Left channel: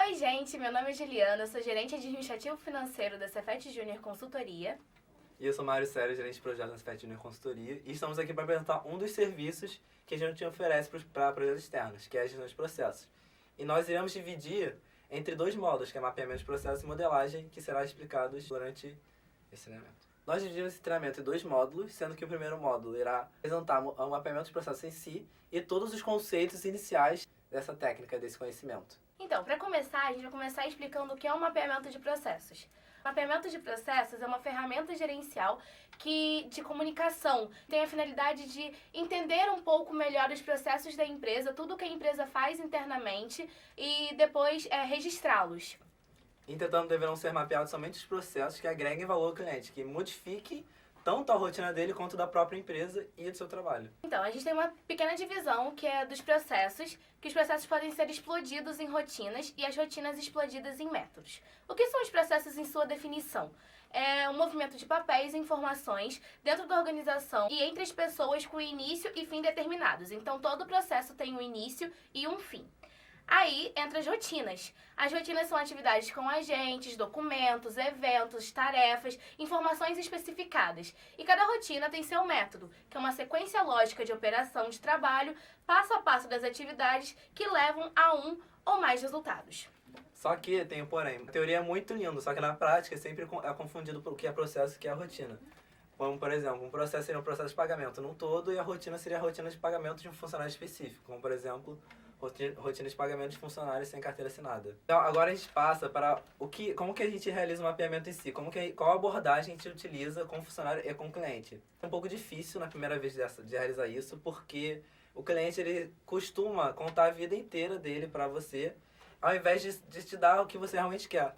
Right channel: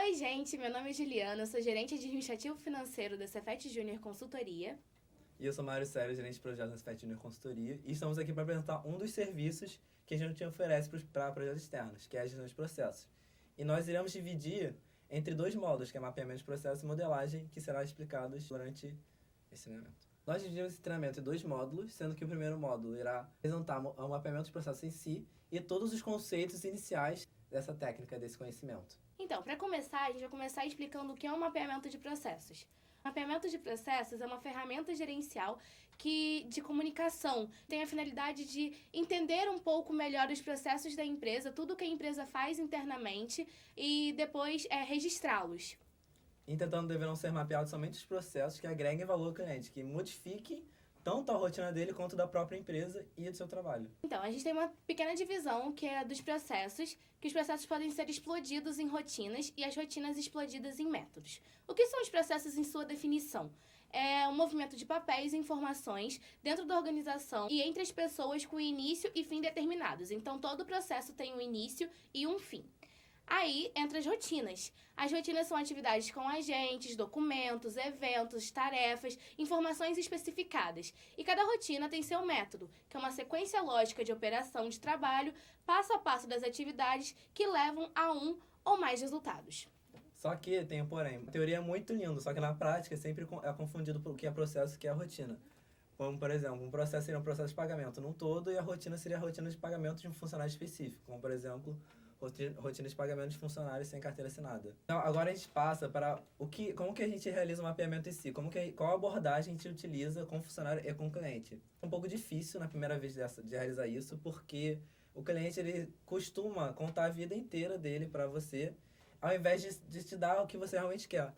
Oi, gente, meu nome é Juliana, sou gerente administrativo financeiro da Cefet Júnior Consultoria. E eu sou Mário Sério, gerente de projetos da Cefet Júnior Consultoria, e estamos aqui para apresentar um dos serviços que a gente oferece para projetos externos, que é a gestão de processos. E nós iremos dividir entre dois módulos, que é mapeamento de processos e modelagem, que será explicados durante esse treinamento. Nós dividimos esse treinamento em dois módulos, sendo que o primeiro módulo irá apresentar o mapeamento de processos em si e todos os conceitos iniciais dessa técnica, desse conhecimento. Então, para começar, a gente vai começar explicando o que é o mapeamento de processos. O mapeamento de processos é uma ferramenta gerencial de comunicação. Tem a finalidade de entender um pouco melhor os processos da empresa, tudo que a empresa faz internamente e depois registrá-los. Entretanto, deverão ser mapeados somente os processos que agreguem valor ao cliente, que modifiquem tanto a rotina dele quanto da própria empresa e do seu trabalho. Então, a gente tem uma pequena divisão que é dos processos, que os processos podem ser explodidos em rotinas e as rotinas explodidas em métodos. O que são os processos em sua definição? É um movimento de papéis e informações dentro da organização e entre as pessoas com início e fim determinados. Então, todo processo tem um início e um fim. Aí entra as rotinas. As rotinas são atividades com agentes, documentos, eventos, tarefas, informações especificadas. E cada rotina tem seu método, que é uma sequência lógica de operação de trabalho, passo a passo das atividades que levam a um ou mais resultados. Só que tem um porém. A teoria é muito linda, só que na prática sempre é confundido por o que é processo e o que é rotina. Como, por exemplo, um processo seria um processo de pagamento num todo e a rotina seria a rotina de pagamento de um funcionário específico. Como, por exemplo, rotina de pagamento de funcionários sem carteira assinada. Então, agora a gente passa para como que a gente realiza o mapeamento em si, qual abordagem a gente utiliza com o funcionário e com o cliente. É um pouco difícil na primeira vez de realizar isso, porque o cliente ele costuma contar a vida inteira dele para você, ao invés de te dar o que você realmente quer.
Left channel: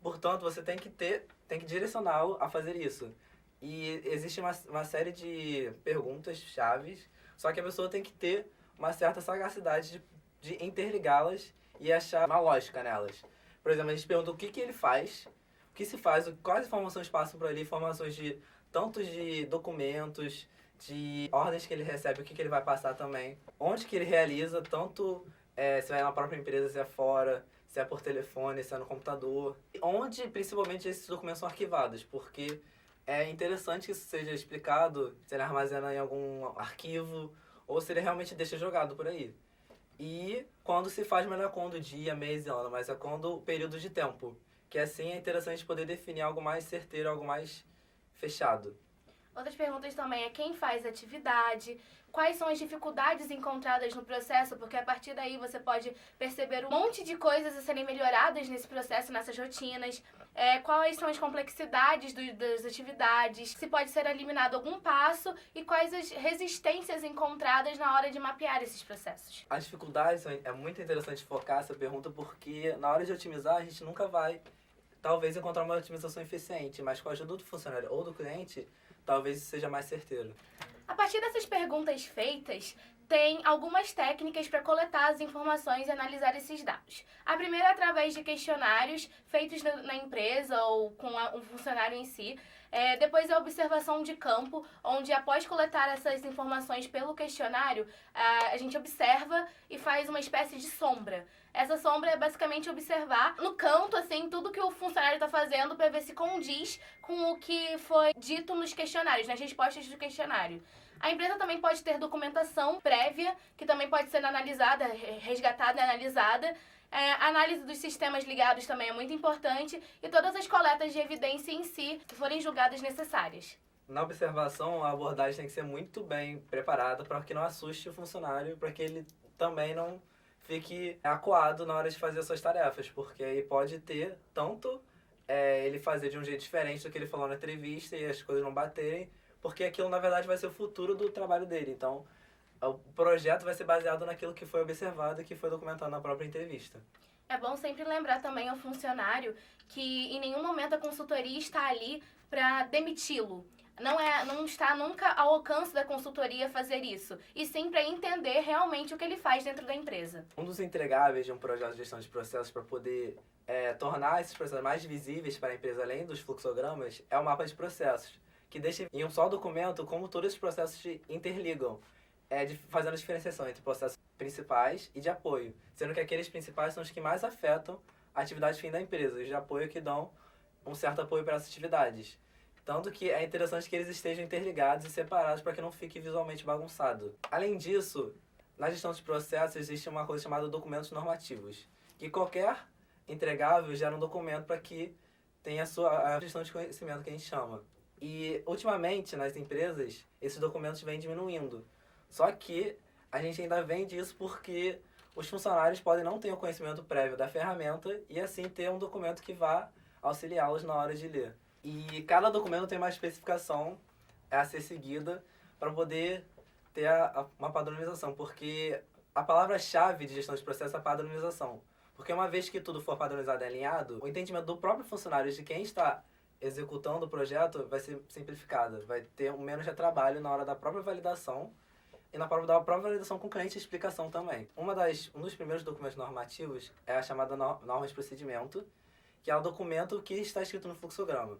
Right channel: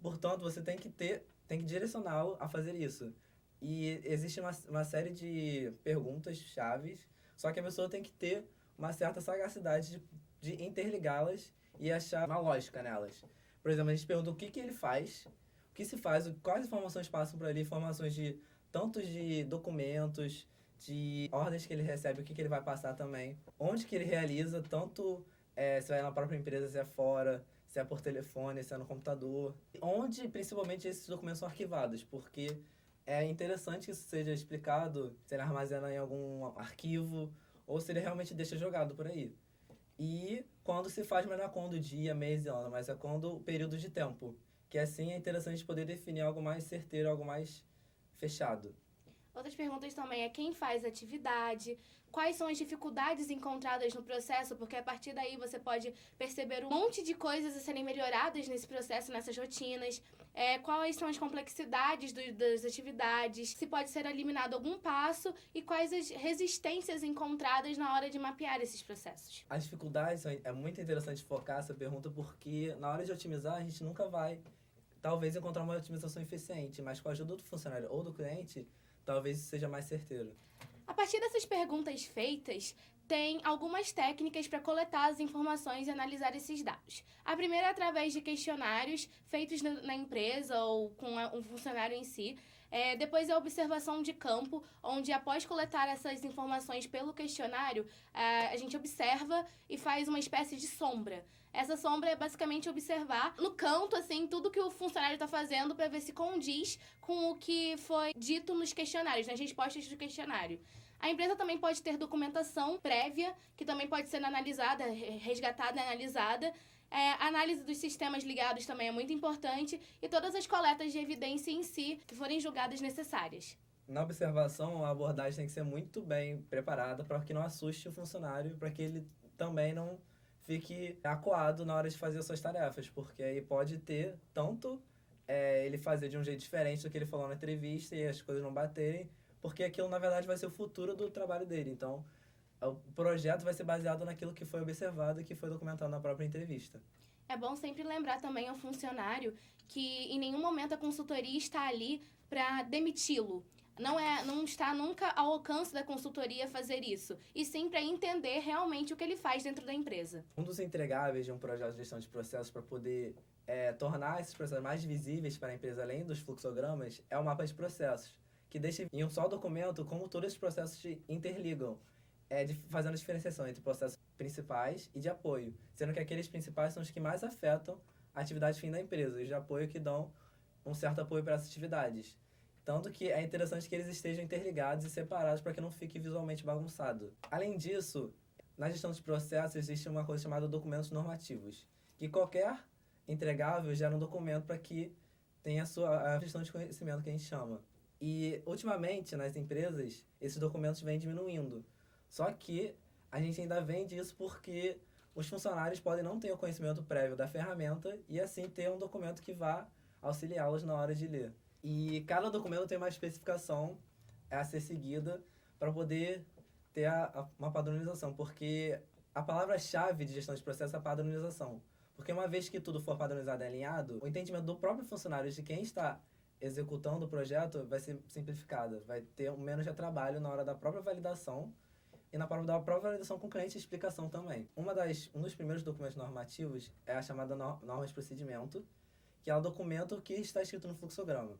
Portanto, você tem que direcioná-lo a fazer isso. E existe uma série de perguntas chaves, só que a pessoa tem que ter uma certa sagacidade de interligá-las e achar uma lógica nelas. Por exemplo, a gente pergunta o que ele faz, o que se faz, quais informações passam por ali, informações tanto de documentos, de ordens que ele recebe, o que ele vai passar também, onde que ele realiza, tanto se é na própria empresa, se é fora, se é por telefone, se é no computador, onde principalmente esses documentos são arquivados, porque é interessante que isso seja explicado, se ele armazena em algum arquivo, ou se ele realmente deixa jogado por aí. E quando se faz, mas não é quando dia, mês e ano, mas é quando período de tempo. Que assim é interessante poder definir algo mais certeiro, algo mais fechado. Outras perguntas também é quem faz a atividade, quais são as dificuldades encontradas no processo, porque a partir daí você pode perceber um monte de coisas a serem melhoradas nesse processo, nessas rotinas, quais são as complexidades das atividades, se pode ser eliminado algum passo e quais as resistências encontradas na hora de mapear esses processos. As dificuldades, é muito interessante focar essa pergunta, porque na hora de otimizar a gente nunca vai, talvez, encontrar uma otimização eficiente, mas com a ajuda do funcionário ou do cliente, talvez seja mais certeiro. A partir dessas perguntas feitas, tem algumas técnicas para coletar as informações e analisar esses dados. A primeira é através de questionários feitos na empresa ou com um funcionário em si. Depois é a observação de campo, onde após coletar essas informações pelo questionário, a gente observa e faz uma espécie de sombra. Essa sombra é basicamente observar no canto, assim, tudo que o funcionário está fazendo para ver se condiz com o que foi dito nos questionários, nas respostas do questionário. A empresa também pode ter documentação prévia, que também pode ser analisada, resgatada e analisada. A análise dos sistemas ligados também é muito importante e todas as coletas de evidência em si que forem julgadas necessárias. Na observação, a abordagem tem que ser muito bem preparada para que não assuste o funcionário, para que ele também não fique acuado na hora de fazer as suas tarefas, porque aí pode ter tanto ele fazer de um jeito diferente do que ele falou na entrevista e as coisas não baterem, porque aquilo na verdade vai ser o futuro do trabalho dele. Então, o projeto vai ser baseado naquilo que foi observado e que foi documentado na própria entrevista. É bom sempre lembrar também ao funcionário que em nenhum momento a consultoria está ali para demiti-lo. Não está nunca ao alcance da consultoria fazer isso, e sim para entender realmente o que ele faz dentro da empresa. Um dos entregáveis de um projeto de gestão de processos para poder tornar esses processos mais visíveis para a empresa, além dos fluxogramas, é o mapa de processos, que deixa em um só documento como todos os processos se interligam, fazendo a diferenciação entre processos principais e de apoio, sendo que aqueles principais são os que mais afetam atividades fim da empresa, e de apoio que dão um certo apoio para essas atividades. Tanto que é interessante que eles estejam interligados e separados para que não fique visualmente bagunçado. Além disso, na gestão de processos existe uma coisa chamada documentos normativos, que qualquer entregável gera um documento para que tenha a gestão de conhecimento que a gente chama. E, ultimamente, nas empresas, esses documentos vêm diminuindo. Só que a gente ainda vende isso porque os funcionários podem não ter o conhecimento prévio da ferramenta e, assim, ter um documento que vá auxiliá-los na hora de ler. E cada documento tem uma especificação a ser seguida para poder ter uma padronização, porque a palavra-chave de gestão de processo é a padronização. Porque uma vez que tudo for padronizado e alinhado, o entendimento do próprio funcionário de quem está executando o projeto vai ser simplificado, vai ter menos de trabalho na hora da própria validação e na própria validação com o cliente e explicação também. Um dos primeiros documentos normativos é a chamada norma de procedimento, que é o documento que está escrito no fluxograma.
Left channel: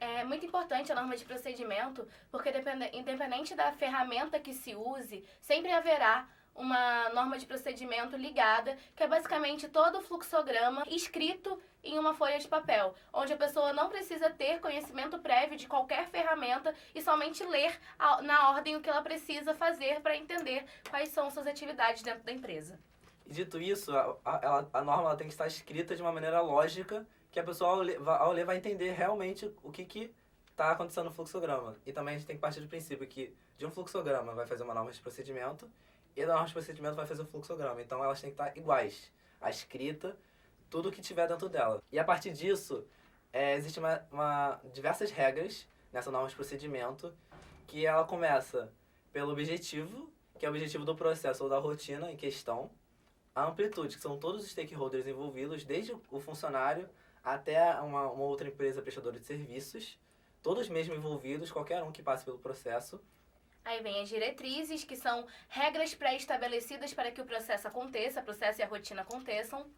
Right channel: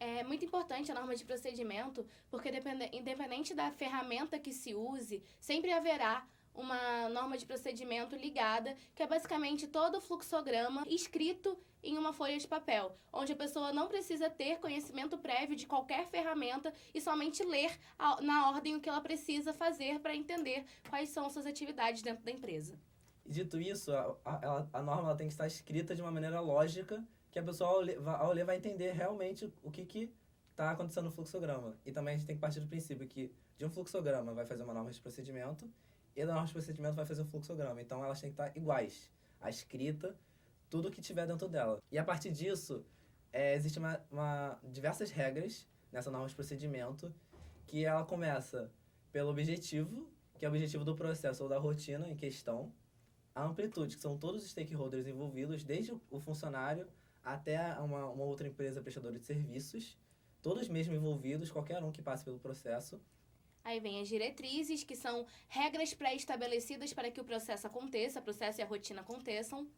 É muito importante a norma de procedimento, porque independente da ferramenta que se use, sempre haverá uma norma de procedimento ligada, que é basicamente todo o fluxograma escrito em uma folha de papel, onde a pessoa não precisa ter conhecimento prévio de qualquer ferramenta e somente ler na ordem o que ela precisa fazer para entender quais são suas atividades dentro da empresa. E dito isso, a norma ela tem que estar escrita de uma maneira lógica, que a pessoa, ao ler, vai entender realmente o que está acontecendo no fluxograma. E também a gente tem que partir do princípio que de um fluxograma vai fazer uma norma de procedimento e da norma de procedimento vai fazer um fluxograma. Então elas têm que estar iguais. A escrita, tudo que tiver dentro dela. E a partir disso, existem diversas regras nessa norma de procedimento, que ela começa pelo objetivo, que é o objetivo do processo ou da rotina em questão, a amplitude, que são todos os stakeholders envolvidos, desde o funcionário até uma outra empresa prestadora de serviços, todos mesmo envolvidos, qualquer um que passe pelo processo. Aí vem as diretrizes, que são regras pré-estabelecidas para que o processo e a rotina aconteçam.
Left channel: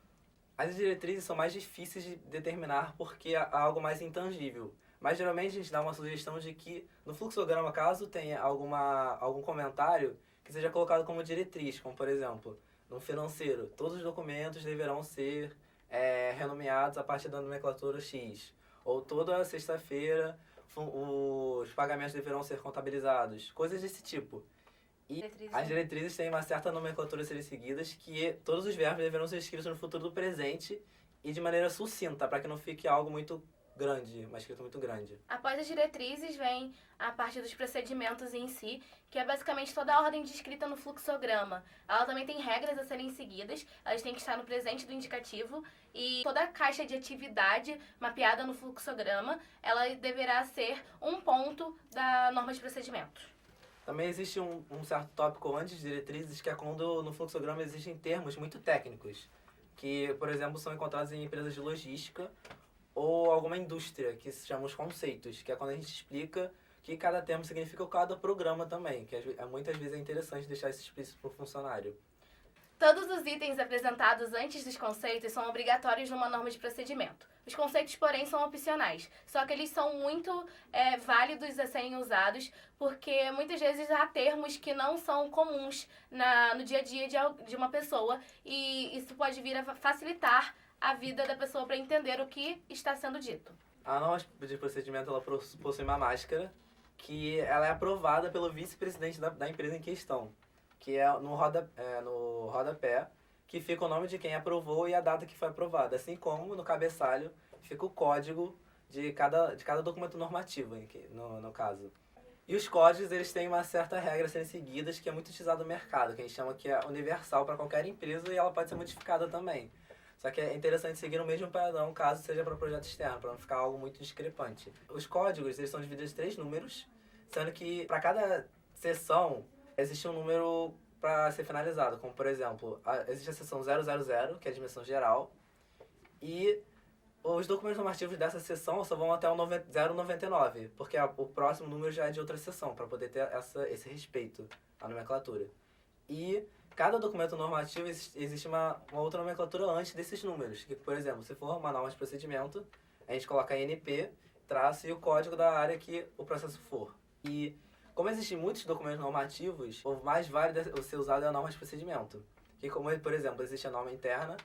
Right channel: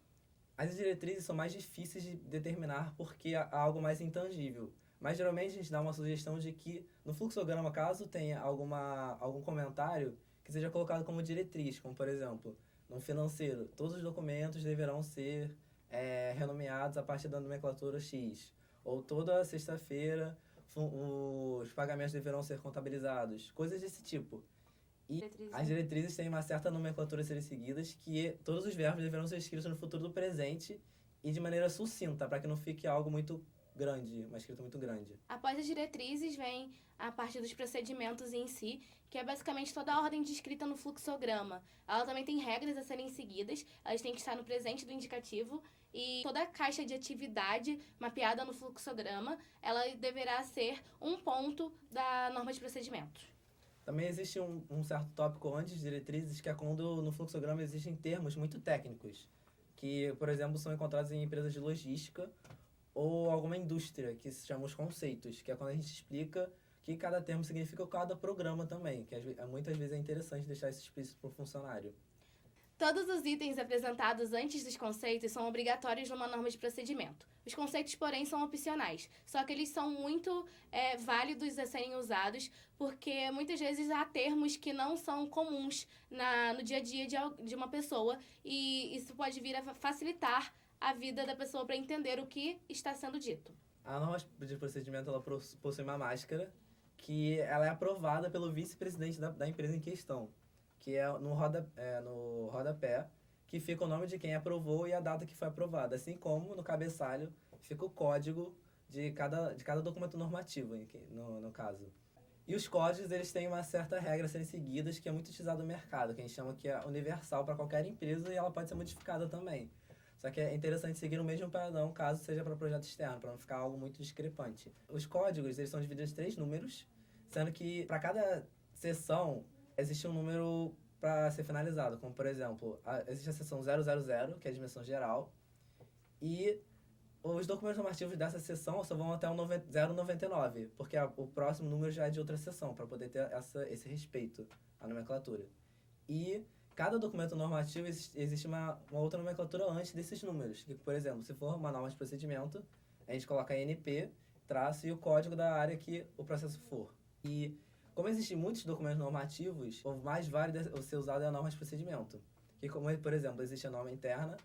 As diretrizes são mais difíceis de determinar porque é algo mais intangível. Mas geralmente a gente dá uma sugestão de que no fluxograma, caso tenha algum comentário, que seja colocado como diretriz, como por exemplo, no financeiro, todos os documentos deverão ser renomeados a partir da nomenclatura X. Ou toda sexta-feira os pagamentos deverão ser contabilizados. Coisas desse tipo. E as diretrizes têm uma certa nomenclatura a serem seguidas, que todos os verbos deverão ser escritos no futuro do presente e de maneira sucinta, para que não fique algo muito grande, uma escrita muito grande. Após as diretrizes vem a parte dos procedimentos em si, que é basicamente toda a ordem descrita no fluxograma. Ela também tem regras a serem seguidas, elas têm que estar no presente do indicativo, e toda a caixa de atividade mapeada no fluxograma, ela deverá ser um ponto da norma de procedimento. Também existe um certo tópico antes de diretrizes, que é quando no fluxograma existem termos muito técnicos, que, por exemplo, são encontrados em empresas de logística ou alguma indústria, que se chamam os conceitos, que é quando a gente explica o que cada termo significa ou cada programa também, que muitas vezes é interessante deixar isso explícito para o funcionário. Todos os itens apresentados antes dos conceitos são obrigatórios numa norma de procedimento. Os conceitos, porém, são opcionais, só que eles são muito válidos a serem usados, porque muitas vezes há termos que não são comuns no dia a dia de uma pessoa, e isso pode vir a facilitar a vida da pessoa para entender o que está sendo dito. A norma de procedimento ela possui uma máscara que ela é aprovada pelo vice-presidente da empresa em questão, que é no rodapé, que fica o nome de quem aprovou e a data que foi aprovada, assim como no cabeçalho fica o código de cada documento normativo, no caso. E os códigos, eles têm uma certa regra a serem seguidas, que é muito utilizado no mercado, que a gente chama que é universal para qualquer empresa e ela pode ser modificada também. Só que é interessante seguir o mesmo padrão, caso seja para projeto externo, para não ficar algo muito discrepante. Os códigos, eles são divididos em 3 números, sendo que para cada seção existe um número para ser finalizado, como por exemplo, existe a seção 000, que é a dimensão geral, e os documentos normativos dessa seção só vão até o 099, porque o próximo número já é de outra seção, para poder ter esse respeito à nomenclatura. E cada documento normativo existe uma outra nomenclatura antes desses números, que, por exemplo, se for uma norma de procedimento, a gente coloca ANP, traço e o código da área que o processo for. E como existem muitos documentos normativos, o mais válido a ser usado é a norma de procedimento. Que, como, por exemplo, existe a norma interna,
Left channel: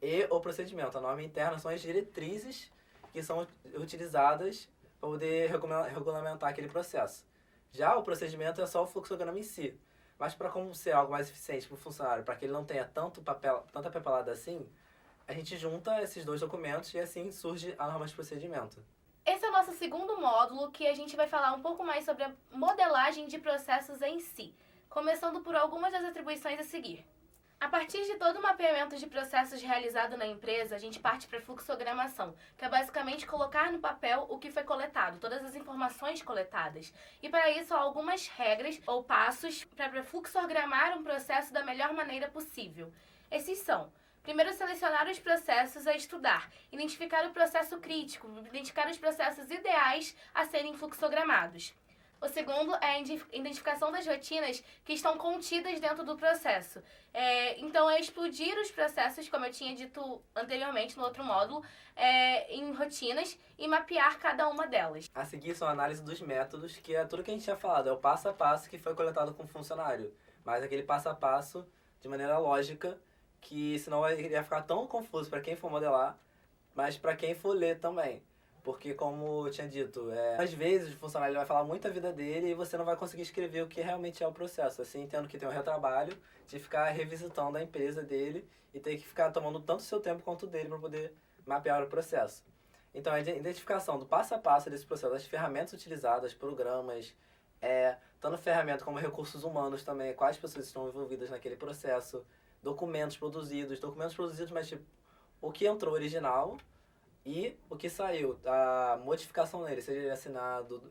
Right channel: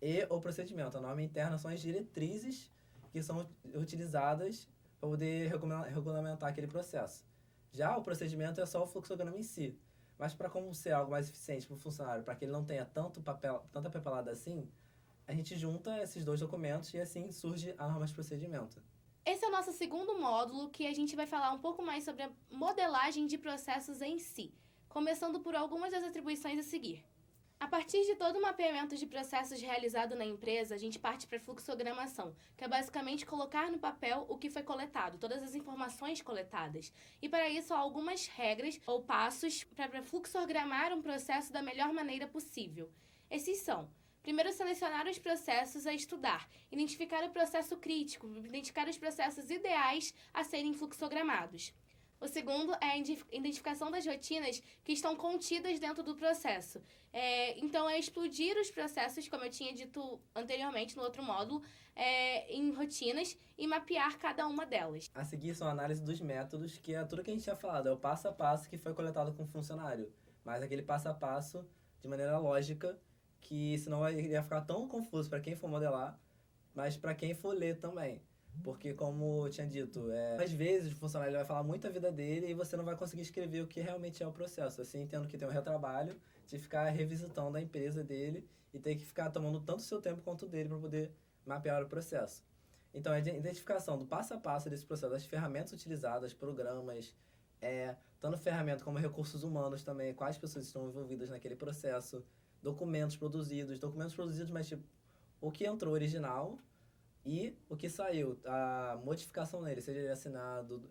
e o procedimento. A norma interna são as diretrizes que são utilizadas para poder regulamentar aquele processo. Já o procedimento é só o fluxograma em si. Mas para como ser algo mais eficiente para o funcionário, para que ele não tenha tanta papelada assim, a gente junta esses dois documentos e assim surge a norma de procedimento. Esse é o nosso segundo módulo, que a gente vai falar um pouco mais sobre a modelagem de processos em si, começando por algumas das atribuições a seguir. A partir de todo o mapeamento de processos realizado na empresa, a gente parte para a fluxogramação, que é basicamente colocar no papel o que foi coletado, todas as informações coletadas. E para isso há algumas regras ou passos para fluxogramar um processo da melhor maneira possível. Esses são: primeiro, selecionar os processos a estudar, identificar o processo crítico, identificar os processos ideais a serem fluxogramados. O segundo é a identificação das rotinas que estão contidas dentro do processo. Então, é explodir os processos, como eu tinha dito anteriormente no outro módulo, em rotinas e mapear cada uma delas. A seguir são a análise dos métodos, que é tudo que a gente tinha falado, é o passo a passo que foi coletado com o funcionário. Mas aquele passo a passo de maneira lógica, que senão iria ficar tão confuso para quem for modelar, mas para quem for ler também. Porque, como eu tinha dito, às vezes o funcionário vai falar muito a vida dele e você não vai conseguir escrever o que realmente é o processo. Assim, tendo que ter um retrabalho de ficar revisitando a empresa dele e ter que ficar tomando tanto seu tempo quanto o dele para poder mapear o processo. Então, a identificação do passo a passo desse processo, as ferramentas utilizadas, programas, tanto ferramenta como recursos humanos também, quais pessoas estão envolvidas naquele processo, documentos produzidos, mas tipo, o que entrou original e o que saiu, a modificação nele, seja ele assinado,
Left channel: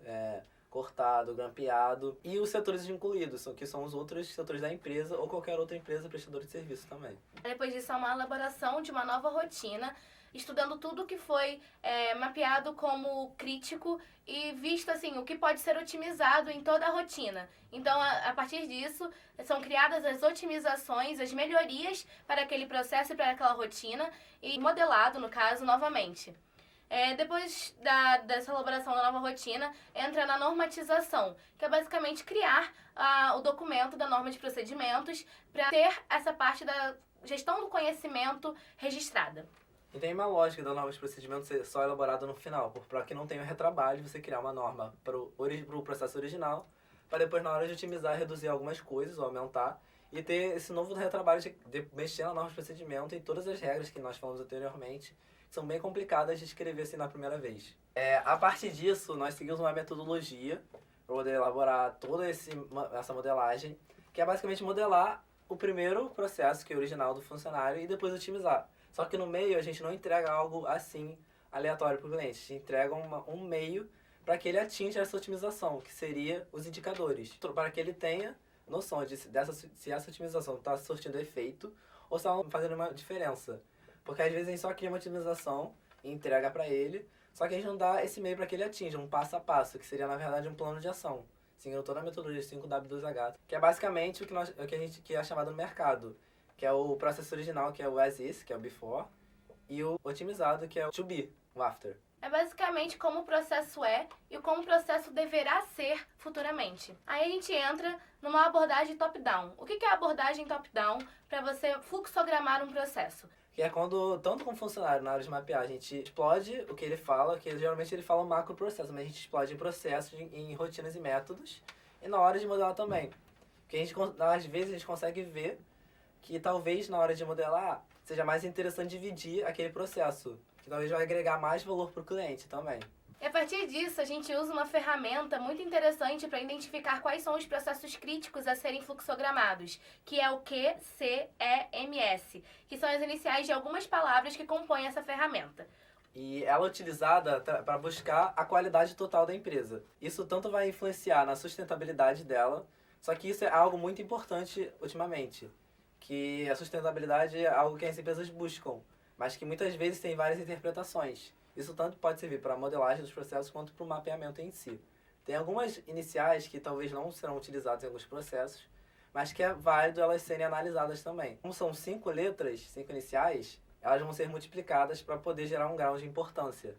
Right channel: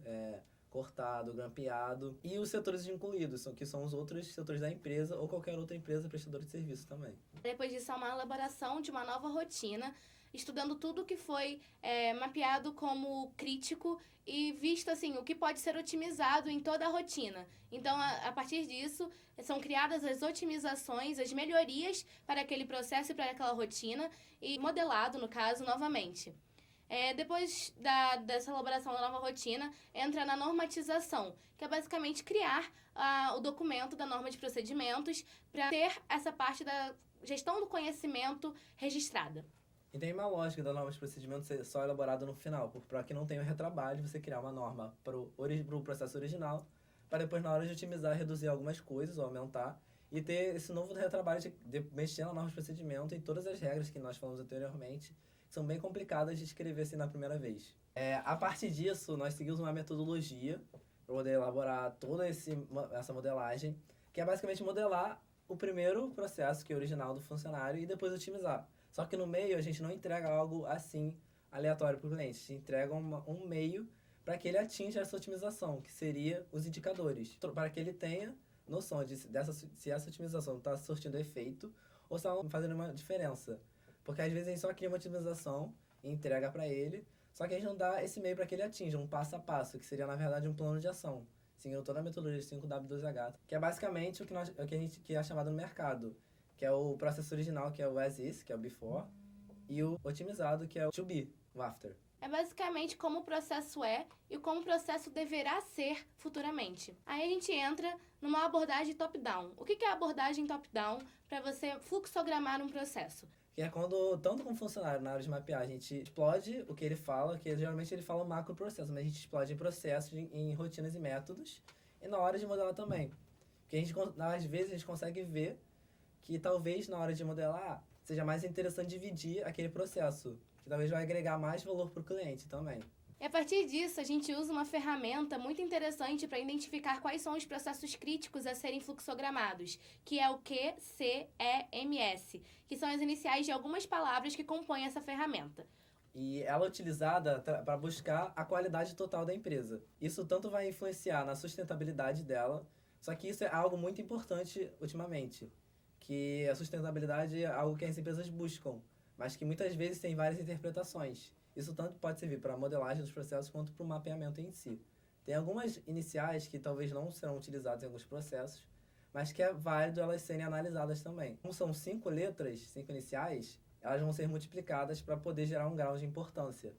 cortado, grampeado, e os setores incluídos, que são os outros setores da empresa ou qualquer outra empresa prestadora de serviço também. Depois disso, há uma elaboração de uma nova rotina, estudando tudo que foi mapeado como crítico e visto assim, o que pode ser otimizado em toda a rotina. Então, a partir disso, são criadas as otimizações, as melhorias para aquele processo e para aquela rotina, e modelado, no caso, novamente. Depois dessa elaboração da nova rotina, entra na normatização, que é basicamente criar o documento da norma de procedimentos para ter essa parte da gestão do conhecimento registrada. E tem uma lógica da norma de procedimento ser só elaborada no final, para que não tenha retrabalho, você criar uma norma para o processo original, para depois, na hora de otimizar, reduzir algumas coisas ou aumentar, e ter esse novo retrabalho de mexer na norma de procedimento e todas as regras que nós falamos anteriormente, que são bem complicadas de escrever assim na primeira vez. A partir disso, nós seguimos uma metodologia para poder elaborar toda essa modelagem, que é basicamente modelar o primeiro processo, que é o original do funcionário, e depois otimizar. Só que no meio a gente não entrega algo assim aleatório para o cliente, a gente entrega um meio para que ele atinja essa otimização, que seria os indicadores, para que ele tenha noção de se essa otimização está surtindo efeito ou se está fazendo uma diferença. Porque às vezes a gente só cria uma otimização e entrega para ele, só que a gente não dá esse meio para que ele atinja, um passo a passo, que seria na verdade um plano de ação, seguindo toda a metodologia 5W2H, que é basicamente o que é chamado no mercado, que é o processo original, que é o as is, que é o before, e o otimizado, que é o to be, o after. É basicamente como o processo é e como o processo deverá ser futuramente. Aí a gente entra numa abordagem top-down. O que é a abordagem top-down para você fluxogramar um processo? Que é quando, tanto como funcionário, na hora de mapear, a gente explode o que ele fala, que geralmente ele fala um macro processo, mas a gente explode em processos, em rotinas e métodos, e na hora de modelar também. Porque às vezes a gente consegue ver que talvez na hora de modelar seja mais interessante dividir aquele processo, que talvez vai agregar mais valor para o cliente também. E a partir disso, a gente usa uma ferramenta muito interessante para identificar quais são os processos críticos a serem fluxogramados, que é o QCEMS, que são as iniciais de algumas palavras que compõem essa ferramenta. E ela é utilizada para buscar a qualidade total da empresa. Isso tanto vai influenciar na sustentabilidade dela, só que isso é algo muito importante ultimamente, que a sustentabilidade é algo que as empresas buscam, mas que muitas vezes tem várias interpretações. Isso tanto pode servir para a modelagem dos processos quanto para o mapeamento em si. Tem algumas iniciais que talvez não serão utilizadas em alguns processos, mas que é válido elas serem analisadas também. Como são 5 letras, 5 iniciais, elas vão ser multiplicadas para poder gerar um grau de importância.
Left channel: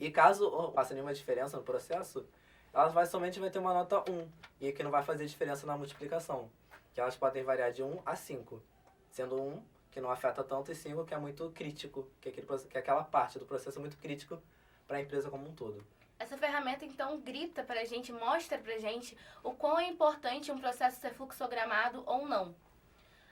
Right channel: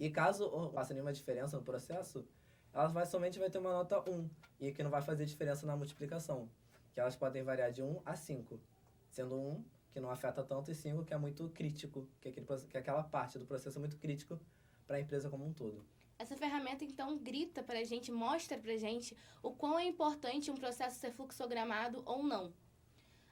E caso faça nenhuma diferença no processo, ela somente vai ter uma nota 1, e que não vai fazer diferença na multiplicação, que elas podem variar de 1 a 5, sendo 1 que não afeta tanto, e 5 que é muito crítico, que aquela parte do processo é muito crítico para a empresa como um todo. Essa ferramenta, então, grita pra gente, mostra pra gente o quão é importante um processo ser fluxogramado ou não.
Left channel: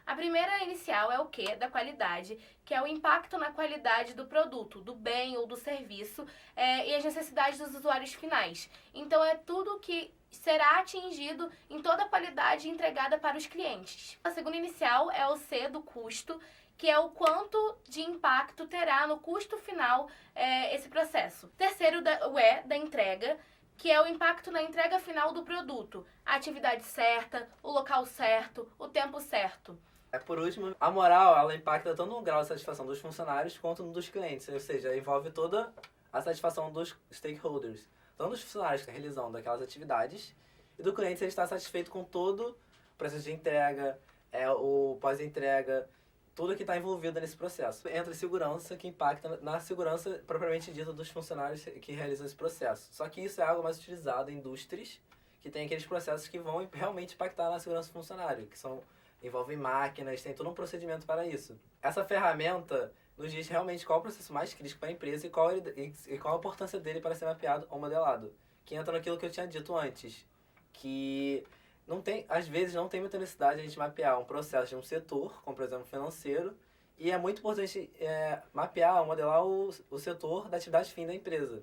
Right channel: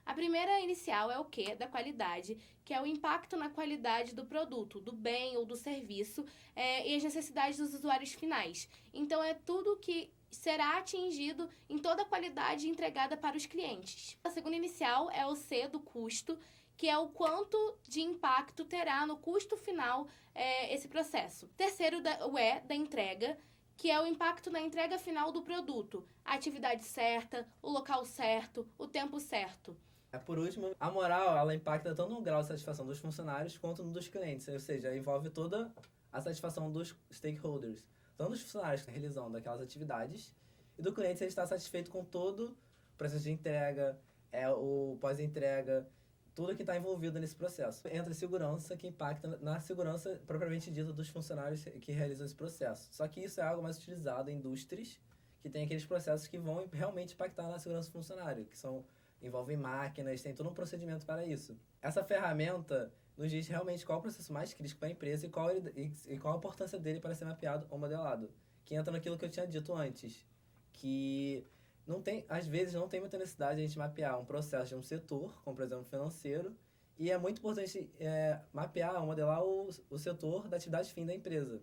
A primeira inicial é o quê? Da qualidade, que é o impacto na qualidade do produto, do bem ou do serviço e as necessidades dos usuários finais. Então, é tudo que será atingido em toda a qualidade entregada para os clientes. A segunda inicial é o C do custo, que é o quanto de impacto terá no custo final esse processo. Terceiro, o E da entrega, que é o impacto na entrega final do produto, a atividade certa, o local certo, o tempo certo. Por último, a moral, ela impacta tanto no grau de satisfação dos funcionários quanto no dos clientes, ou seja, envolve toda a satisfação dos stakeholders, tanto dos funcionários que estão realizando aquelas atividades, e do cliente se ele está satisfeito com todo o processo de entrega, o pós-entrega, tudo que está envolvido nesse processo. Entra segurança, que impacta na segurança propriamente dita dos funcionários que realizam esse processo. Só que isso é algo mais utilizado em indústrias que tem aqueles processos que vão realmente impactar na segurança do funcionário, que envolvem máquinas, tem todo um procedimento para isso. Essa ferramenta nos diz realmente qual é o processo mais crítico para a empresa e qual a importância dele para ser mapeado ou modelado. Que entra naquilo que eu tinha dito antes, que às vezes não tem muita necessidade de a gente mapear um processo de um setor, como por exemplo financeiro, e é muito importante mapear ou modelar o setor da atividade fim da empresa.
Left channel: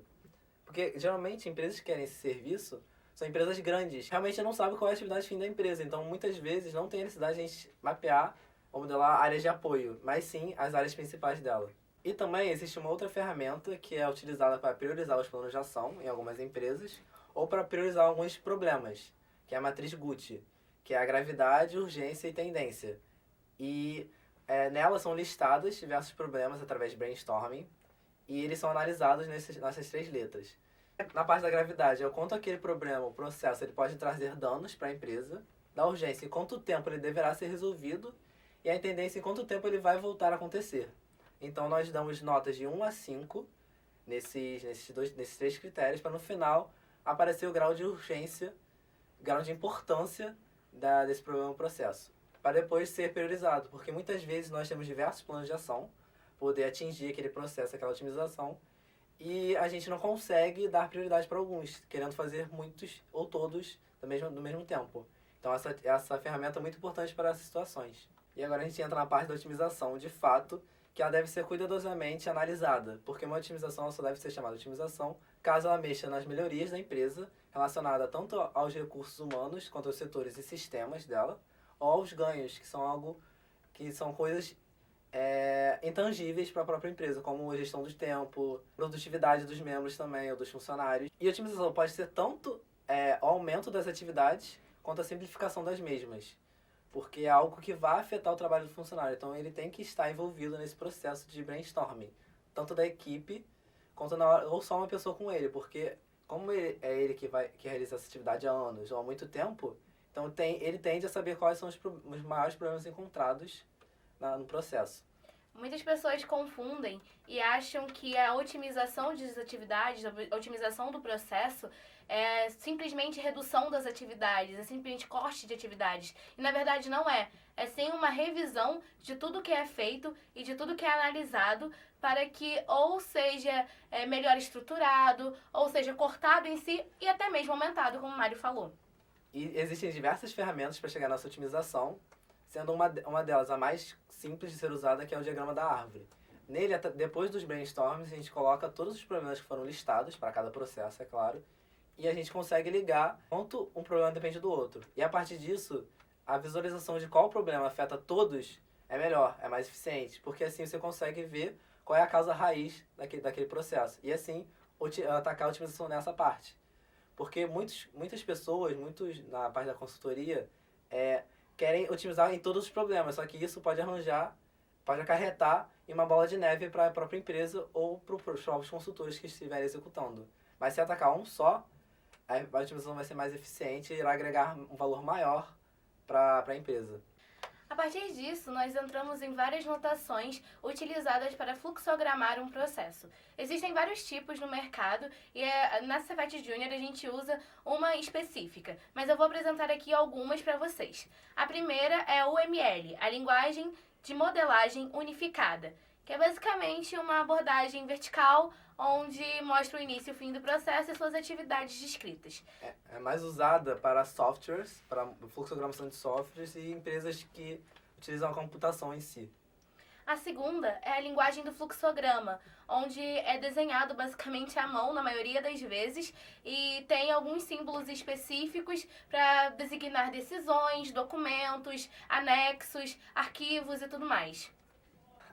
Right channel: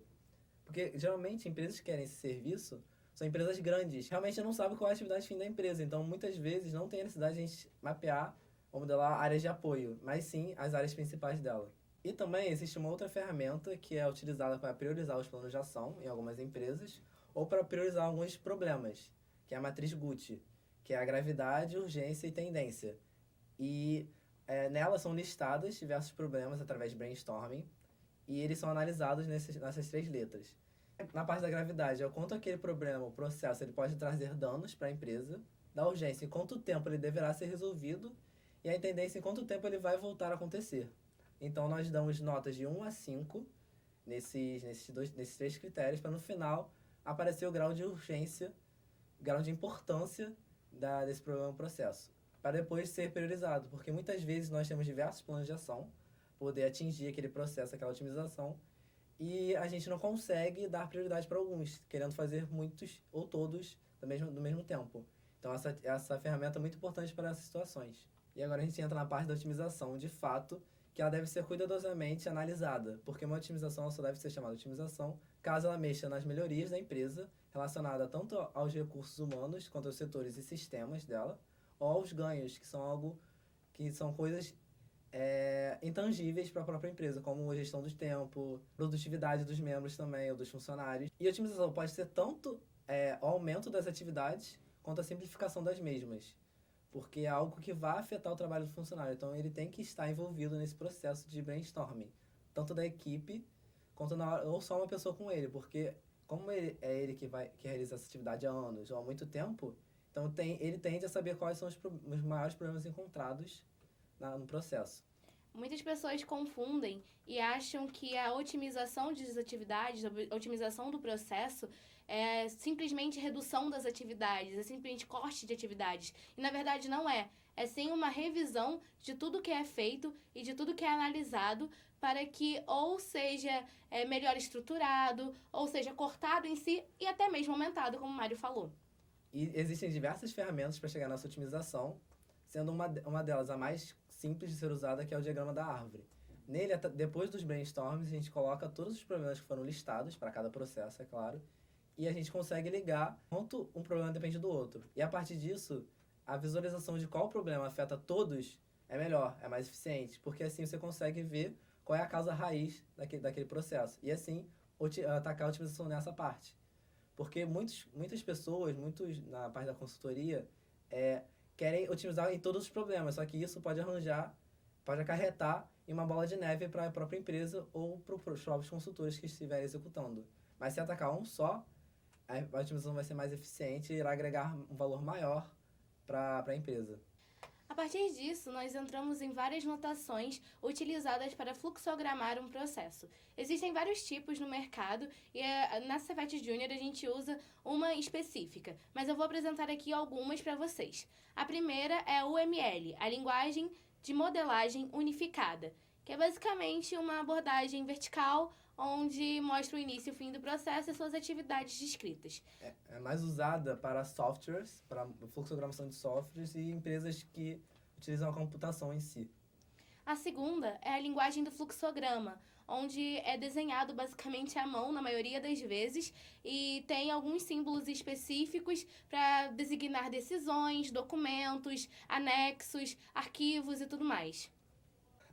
Porque geralmente empresas que querem esse serviço são empresas grandes, realmente não sabem qual é a atividade fim da empresa, então muitas vezes não tem necessidade de a gente mapear ou modelar áreas de apoio, mas sim as áreas principais dela. E também existe uma outra ferramenta que é utilizada para priorizar os planos de ação em algumas empresas ou para priorizar alguns problemas, que é a matriz Gucci, que é a gravidade, urgência e tendência. E nela são listados diversos problemas através de brainstorming e eles são analisados nessas 3 letras. Na parte da gravidade, é o quanto aquele problema, o processo, ele pode trazer danos para a empresa. Da urgência, em quanto tempo ele deverá ser resolvido. E a tendência, em quanto tempo ele vai voltar a acontecer. Então, nós damos notas de 1 a 5 nesses 3 critérios, para no final aparecer o grau de urgência, grau de importância desse problema processo. Para depois ser priorizado, porque muitas vezes nós temos diversos planos de ação, poder atingir aquele processo, aquela otimização, e a gente não consegue dar prioridade para alguns, querendo fazer muitos ou todos do mesmo tempo. Então essa ferramenta é muito importante para essas situações. E agora a gente entra na parte da otimização, de fato, que ela deve ser cuidadosamente analisada, porque uma otimização só deve ser chamada de otimização caso ela mexa nas melhorias da empresa, relacionada tanto aos recursos humanos quanto aos setores e sistemas dela, ou aos ganhos, que são coisas intangíveis para a própria empresa, como a gestão do tempo, produtividade dos membros também, ou dos funcionários. E a otimização pode ser tanto o aumento das atividades, quanto a simplificação das mesmas, porque é algo que vai afetar o trabalho do funcionário. Então ele tem que estar envolvido nesse processo de brainstorming, tanto da equipe, quanto ou só uma pessoa com ele, porque como ele que realiza essa atividade há anos ou há muito tempo, então ele tende a saber quais são os maiores problemas encontrados no processo. Muitas pessoas confundem e acham que a otimização das atividades, a otimização do processo é simplesmente redução das atividades, é simplesmente corte de atividades. E na verdade não é. É sim uma revisão de tudo que é feito e de tudo que é analisado para que ou seja melhor estruturado, ou seja cortado em si e até mesmo aumentado, como o Mário falou. E existem diversas ferramentas para chegar nessa otimização, sendo uma delas a mais simples de ser usada, que é o diagrama da árvore. Nele, depois dos brainstorms, a gente coloca todos os problemas que foram listados para cada processo, é claro, e a gente consegue ligar quanto um problema depende do outro. E a partir disso, a visualização de qual problema afeta todos é melhor, é mais eficiente, porque assim você consegue ver qual é a causa raiz daquele processo. E assim, atacar a otimização nessa parte. Porque muitas pessoas, na parte da consultoria, querem otimizar em todos os problemas, só que isso pode acarretar em uma bola de neve para a própria empresa ou para os próprios consultores que estiverem executando. Mas se atacar um só, a otimização vai ser mais eficiente e irá agregar um valor maior para a empresa. A partir disso, nós entramos em várias notações utilizadas para fluxogramar um processo. Existem vários tipos no mercado e na Cefet Júnior a gente usa uma específica, mas eu vou apresentar aqui algumas para vocês. A primeira é o UML, a linguagem de modelagem unificada, que é basicamente uma abordagem vertical onde mostra o início e o fim do processo e suas atividades descritas. É mais usada para softwares, para fluxogramação de softwares e empresas que utilizam a computação em si. A segunda é a linguagem do fluxograma, onde é desenhado basicamente à mão na maioria das vezes e tem alguns símbolos específicos para designar decisões, documentos, anexos, arquivos e tudo mais.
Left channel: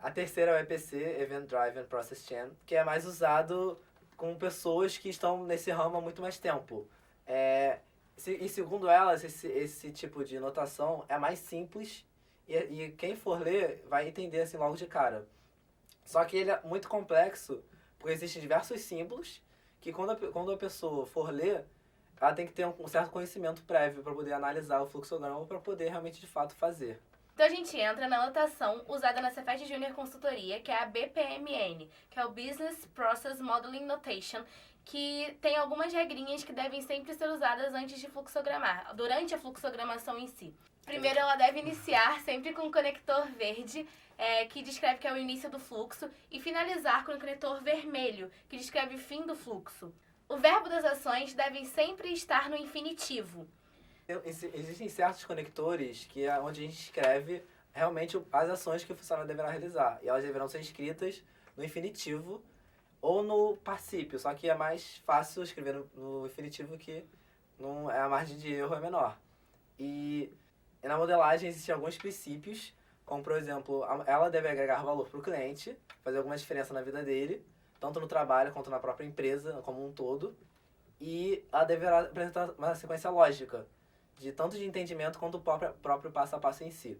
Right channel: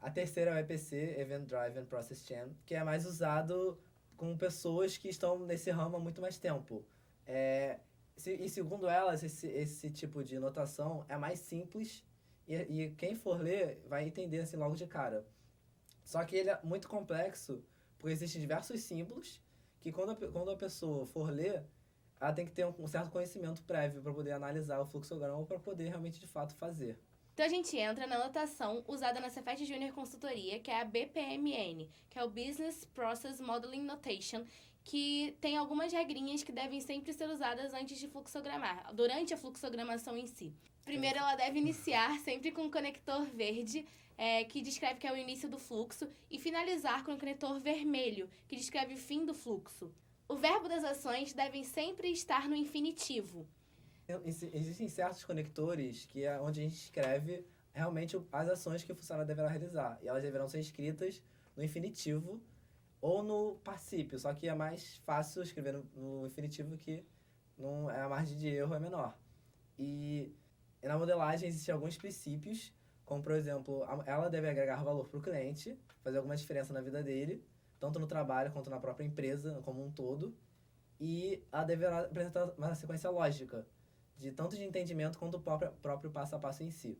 A terceira é o EPC, Event Driven Process Chain, que é mais usado com pessoas que estão nesse ramo há muito mais tempo. E segundo elas, esse tipo de notação é mais simples e quem for ler vai entender assim logo de cara. Só que ele é muito complexo, porque existem diversos símbolos que quando a pessoa for ler, ela tem que ter um certo conhecimento prévio para poder analisar o fluxograma para poder realmente de fato fazer. Então a gente entra na notação usada na Cefet Junior Consultoria, que é a BPMN, que é o Business Process Modeling Notation, que tem algumas regrinhas que devem sempre ser usadas antes de fluxogramar, durante a fluxogramação em si. Primeiro, ela deve iniciar sempre com o conector verde, que descreve que é o início do fluxo, e finalizar com o conector vermelho, que descreve o fim do fluxo. O verbo das ações deve sempre estar no infinitivo. Existem certos conectores que é onde a gente escreve realmente as ações que o funcionário deverá realizar. E elas deverão ser escritas no infinitivo ou no particípio. Só que é mais fácil escrever no infinitivo, que não, a margem de erro é menor. E na modelagem existem alguns princípios, como por exemplo, ela deve agregar valor para o cliente, fazer alguma diferença na vida dele, tanto no trabalho quanto na própria empresa como um todo. E ela deverá apresentar uma sequência lógica, de tanto de entendimento quanto o próprio passo a passo em si.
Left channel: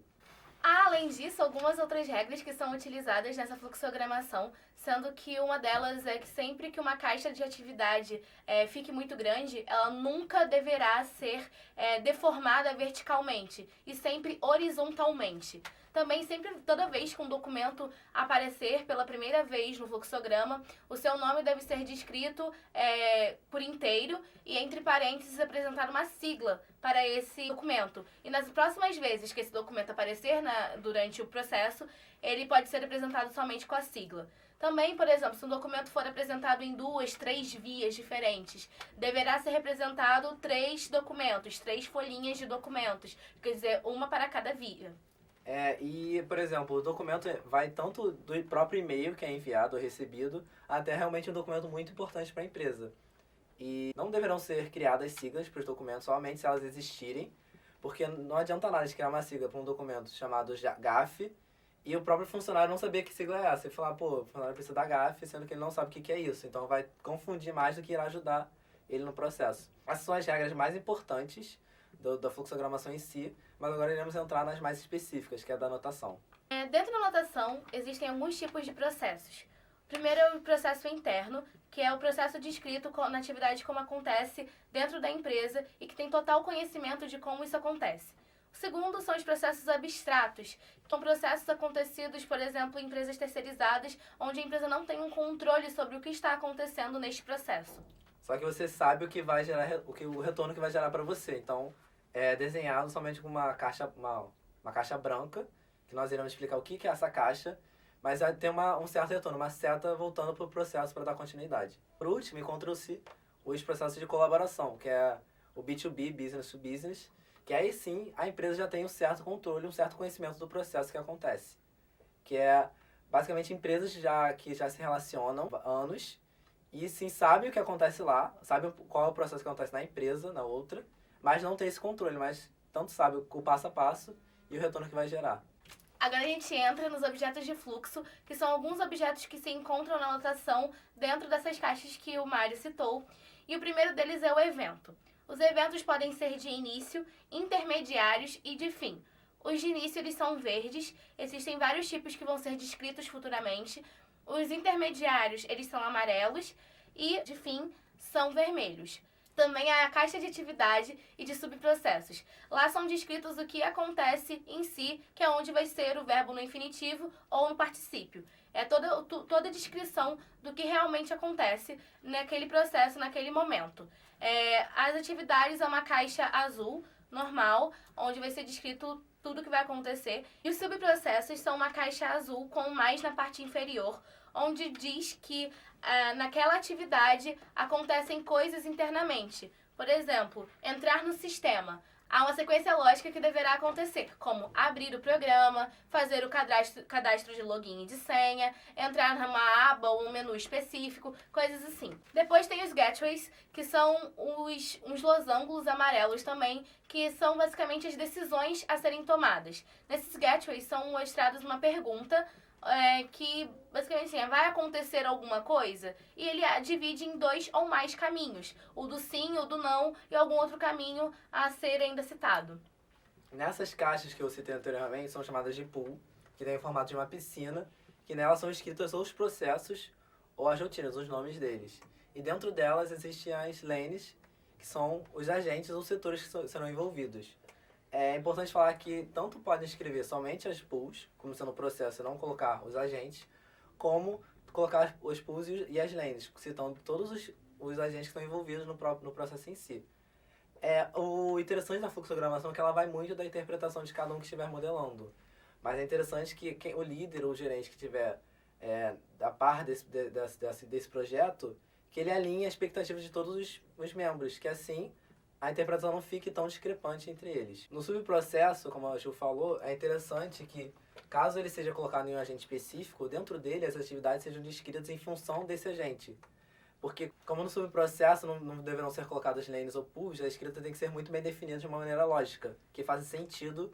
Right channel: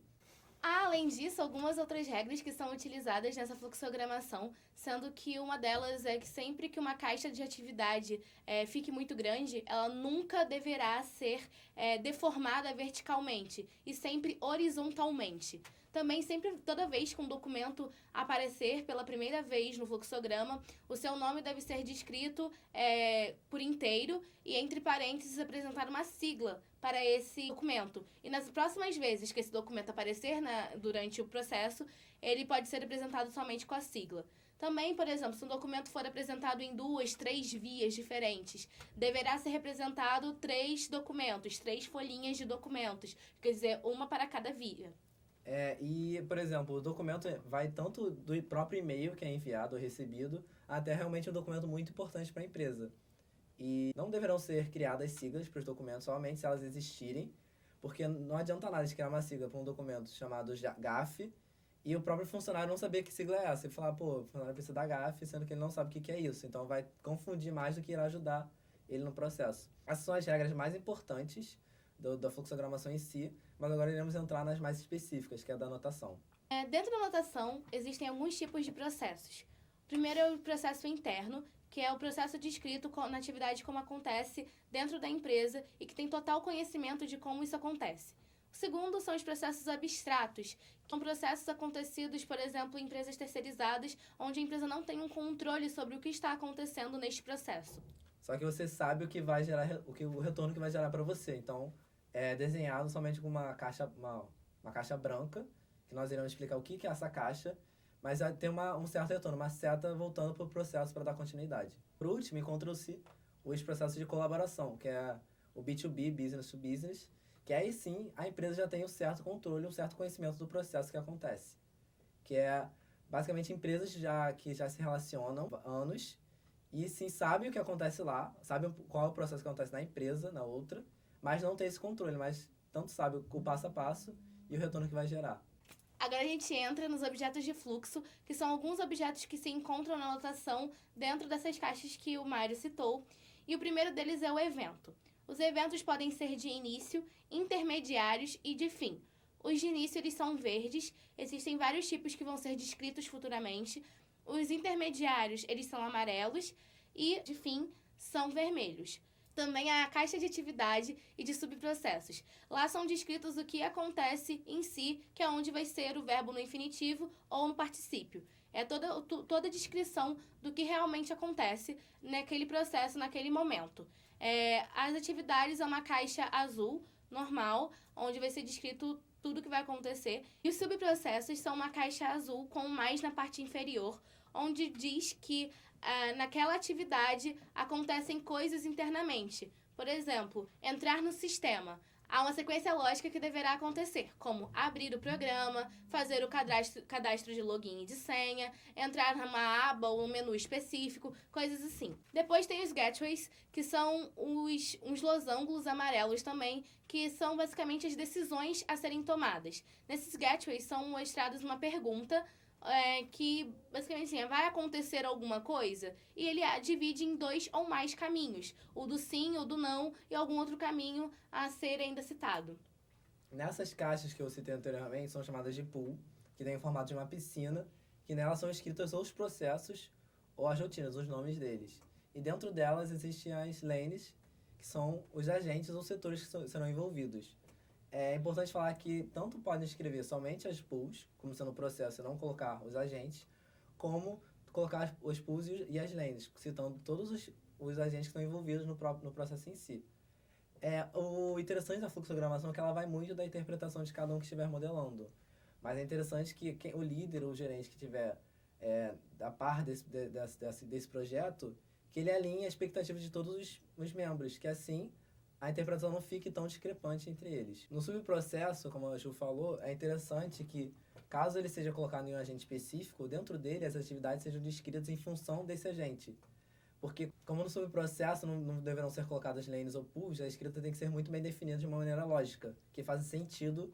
Há, além disso, algumas outras regras que são utilizadas nessa fluxogramação, sendo que uma delas é que sempre que uma caixa de atividade fique muito grande, ela nunca deverá ser deformada verticalmente, e sempre horizontalmente. Também, sempre, toda vez que um documento aparecer pela primeira vez no fluxograma, o seu nome deve ser descrito por inteiro e, entre parênteses, apresentar uma sigla para esse documento. E nas próximas vezes que esse documento aparecer durante o processo, ele pode ser apresentado somente com a sigla. Também, por exemplo, se um documento for apresentado em 2, 3 vias diferentes, deverá ser representado 3 documentos, 3 folhinhas de documentos, quer dizer, uma para cada via. E, por exemplo, o documento vai tanto do próprio e-mail que é enviado ou recebido, até realmente um documento muito importante para a empresa. E não deverão ser criadas siglas para os documentos, somente se elas existirem, porque não adianta nada de criar uma sigla para um documento chamado GAF e o próprio funcionário não saber que sigla é essa. E falar, pô, o funcionário precisa da GAF, sendo que ele não sabe o que é isso. Então vai confundir mais do que irá ajudar ele no processo. Essas são as regras mais importantes da fluxogramação em si, mas agora iremos entrar nas mais específicas, que é a da anotação. Dentro da anotação, existem alguns tipos de processos. O primeiro é o processo interno, que é o processo descrito na atividade como acontece dentro da empresa e que tem total conhecimento de como isso acontece. O segundo são os processos abstratos, que são processos acontecidos, por exemplo, em empresas terceirizadas, onde a empresa não tem um controle sobre o que está acontecendo neste processo. Só que você sabe o que vai gerar, o retorno que vai gerar para você. Então, é desenhado somente com uma caixa branca, que nós iremos explicar o que é essa caixa, mas vai ter um certo retorno, uma seta voltando para o processo para dar continuidade. Por último, encontram-se os processos de colaboração, que é o B2B, Business to Business, que aí sim a empresa já tem um certo controle, um certo conhecimento do processo que acontece. Que é basicamente empresas que já se relacionam há anos e sim sabem o que acontece lá, sabem qual é o processo que acontece na empresa, na outra, mas não tem esse controle, mas tanto sabe o passo a passo e o retorno que vai gerar. Agora a gente entra nos objetos de fluxo, que são alguns objetos que se encontram na anotação dentro dessas caixas que o Mário citou. E o primeiro deles é o evento. Os eventos podem ser de início, intermediários e de fim. Os de início eles são verdes, existem vários tipos que vão ser descritos futuramente. Os intermediários eles são amarelos e de fim são vermelhos. Também há a caixa de atividade e de subprocessos. Lá são descritos o que acontece em si, que é onde vai ser o verbo no infinitivo ou no particípio. É toda a descrição do que realmente acontece naquele processo, naquele momento. As atividades é uma caixa azul, normal, onde vai ser descrito tudo que vai acontecer. E os subprocessos são uma caixa azul com mais na parte inferior, onde diz que naquela atividade acontecem coisas internamente. Por exemplo, entrar no sistema. Há uma sequência lógica que deverá acontecer, como abrir o programa, fazer o cadastro de login e de senha, entrar numa aba ou um menu específico, coisas assim. Depois tem os gateways, que são uns losangos amarelos também, que são basicamente as decisões a serem tomadas. Nesses gateways são mostrados uma pergunta que basicamente assim, vai acontecer alguma coisa, e ele divide em 2 ou mais caminhos, o do sim, o do não e algum outro caminho a ser ainda citado. Nessas caixas que eu citei anteriormente são chamadas de pool, que tem o formato de uma piscina, que nelas são escritos ou os processos ou as rotinas, os nomes deles. E dentro delas existem as lanes, que são os agentes ou setores que serão envolvidos. É importante falar que tanto podem escrever somente as pools, como sendo o processo e não colocar os agentes, como colocar os pools e as lanes, citando todos os agentes que estão envolvidos no processo em si. O interessante da fluxogramação é que ela vai muito da interpretação de cada um que estiver modelando. Mas é interessante que o líder ou o gerente que estiver a par desse projeto, que ele alinhe a expectativa de todos os membros, que assim a interpretação não fique tão discrepante entre eles. No subprocesso, como a Ju falou, é interessante que, caso ele seja colocado em um agente específico, dentro dele as atividades sejam descritas em função desse agente. Porque, como no subprocesso não deverão ser colocadas lanes ou pools, a escrita tem que ser muito bem definida de uma maneira lógica, que faz sentido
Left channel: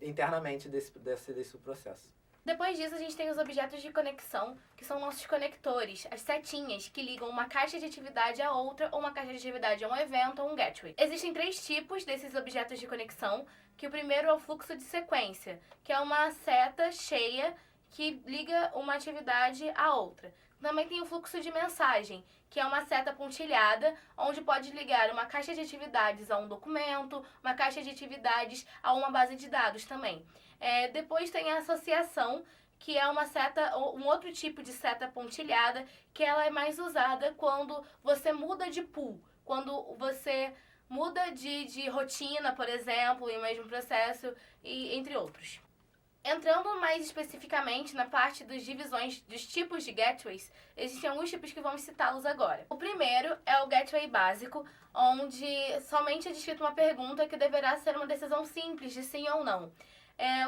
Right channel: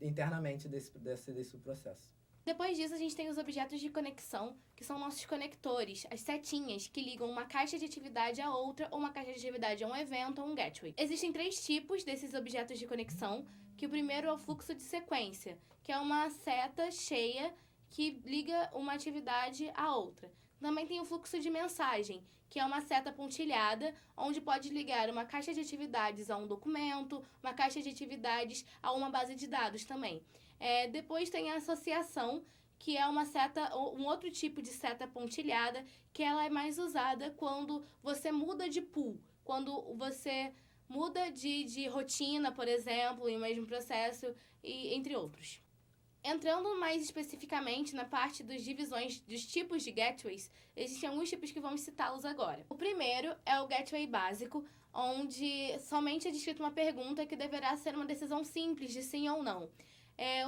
internamente desse subprocesso. Depois disso, a gente tem os objetos de conexão, que são nossos conectores, as setinhas que ligam uma caixa de atividade a outra, ou uma caixa de atividade a um evento ou um gateway. Existem 3 tipos desses objetos de conexão, que o primeiro é o fluxo de sequência, que é uma seta cheia que liga uma atividade a outra. Também tem o fluxo de mensagem, que é uma seta pontilhada, onde pode ligar uma caixa de atividades a um documento, uma caixa de atividades a uma base de dados também. Depois tem a associação, que é uma seta, um outro tipo de seta pontilhada, que ela é mais usada quando você muda de pool, quando você muda de rotina, por exemplo, em um mesmo processo, e entre outros. Entrando mais especificamente na parte das divisões dos tipos de gateways, existem alguns tipos que vamos citá-los agora. O primeiro é o gateway básico, onde somente é descrita uma pergunta que deverá ser uma decisão simples de sim ou não.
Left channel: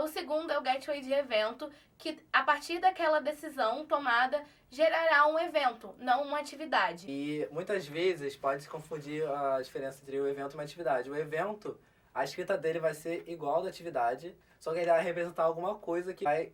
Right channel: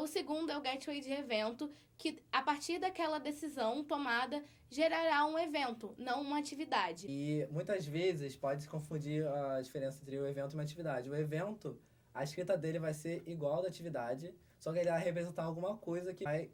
O segundo é o gateway de evento, que a partir daquela decisão tomada gerará um evento, não uma atividade. E muitas vezes pode se confundir a diferença entre o evento e uma atividade. O evento, a escrita dele vai ser igual da atividade, só que ele vai representar alguma coisa que vai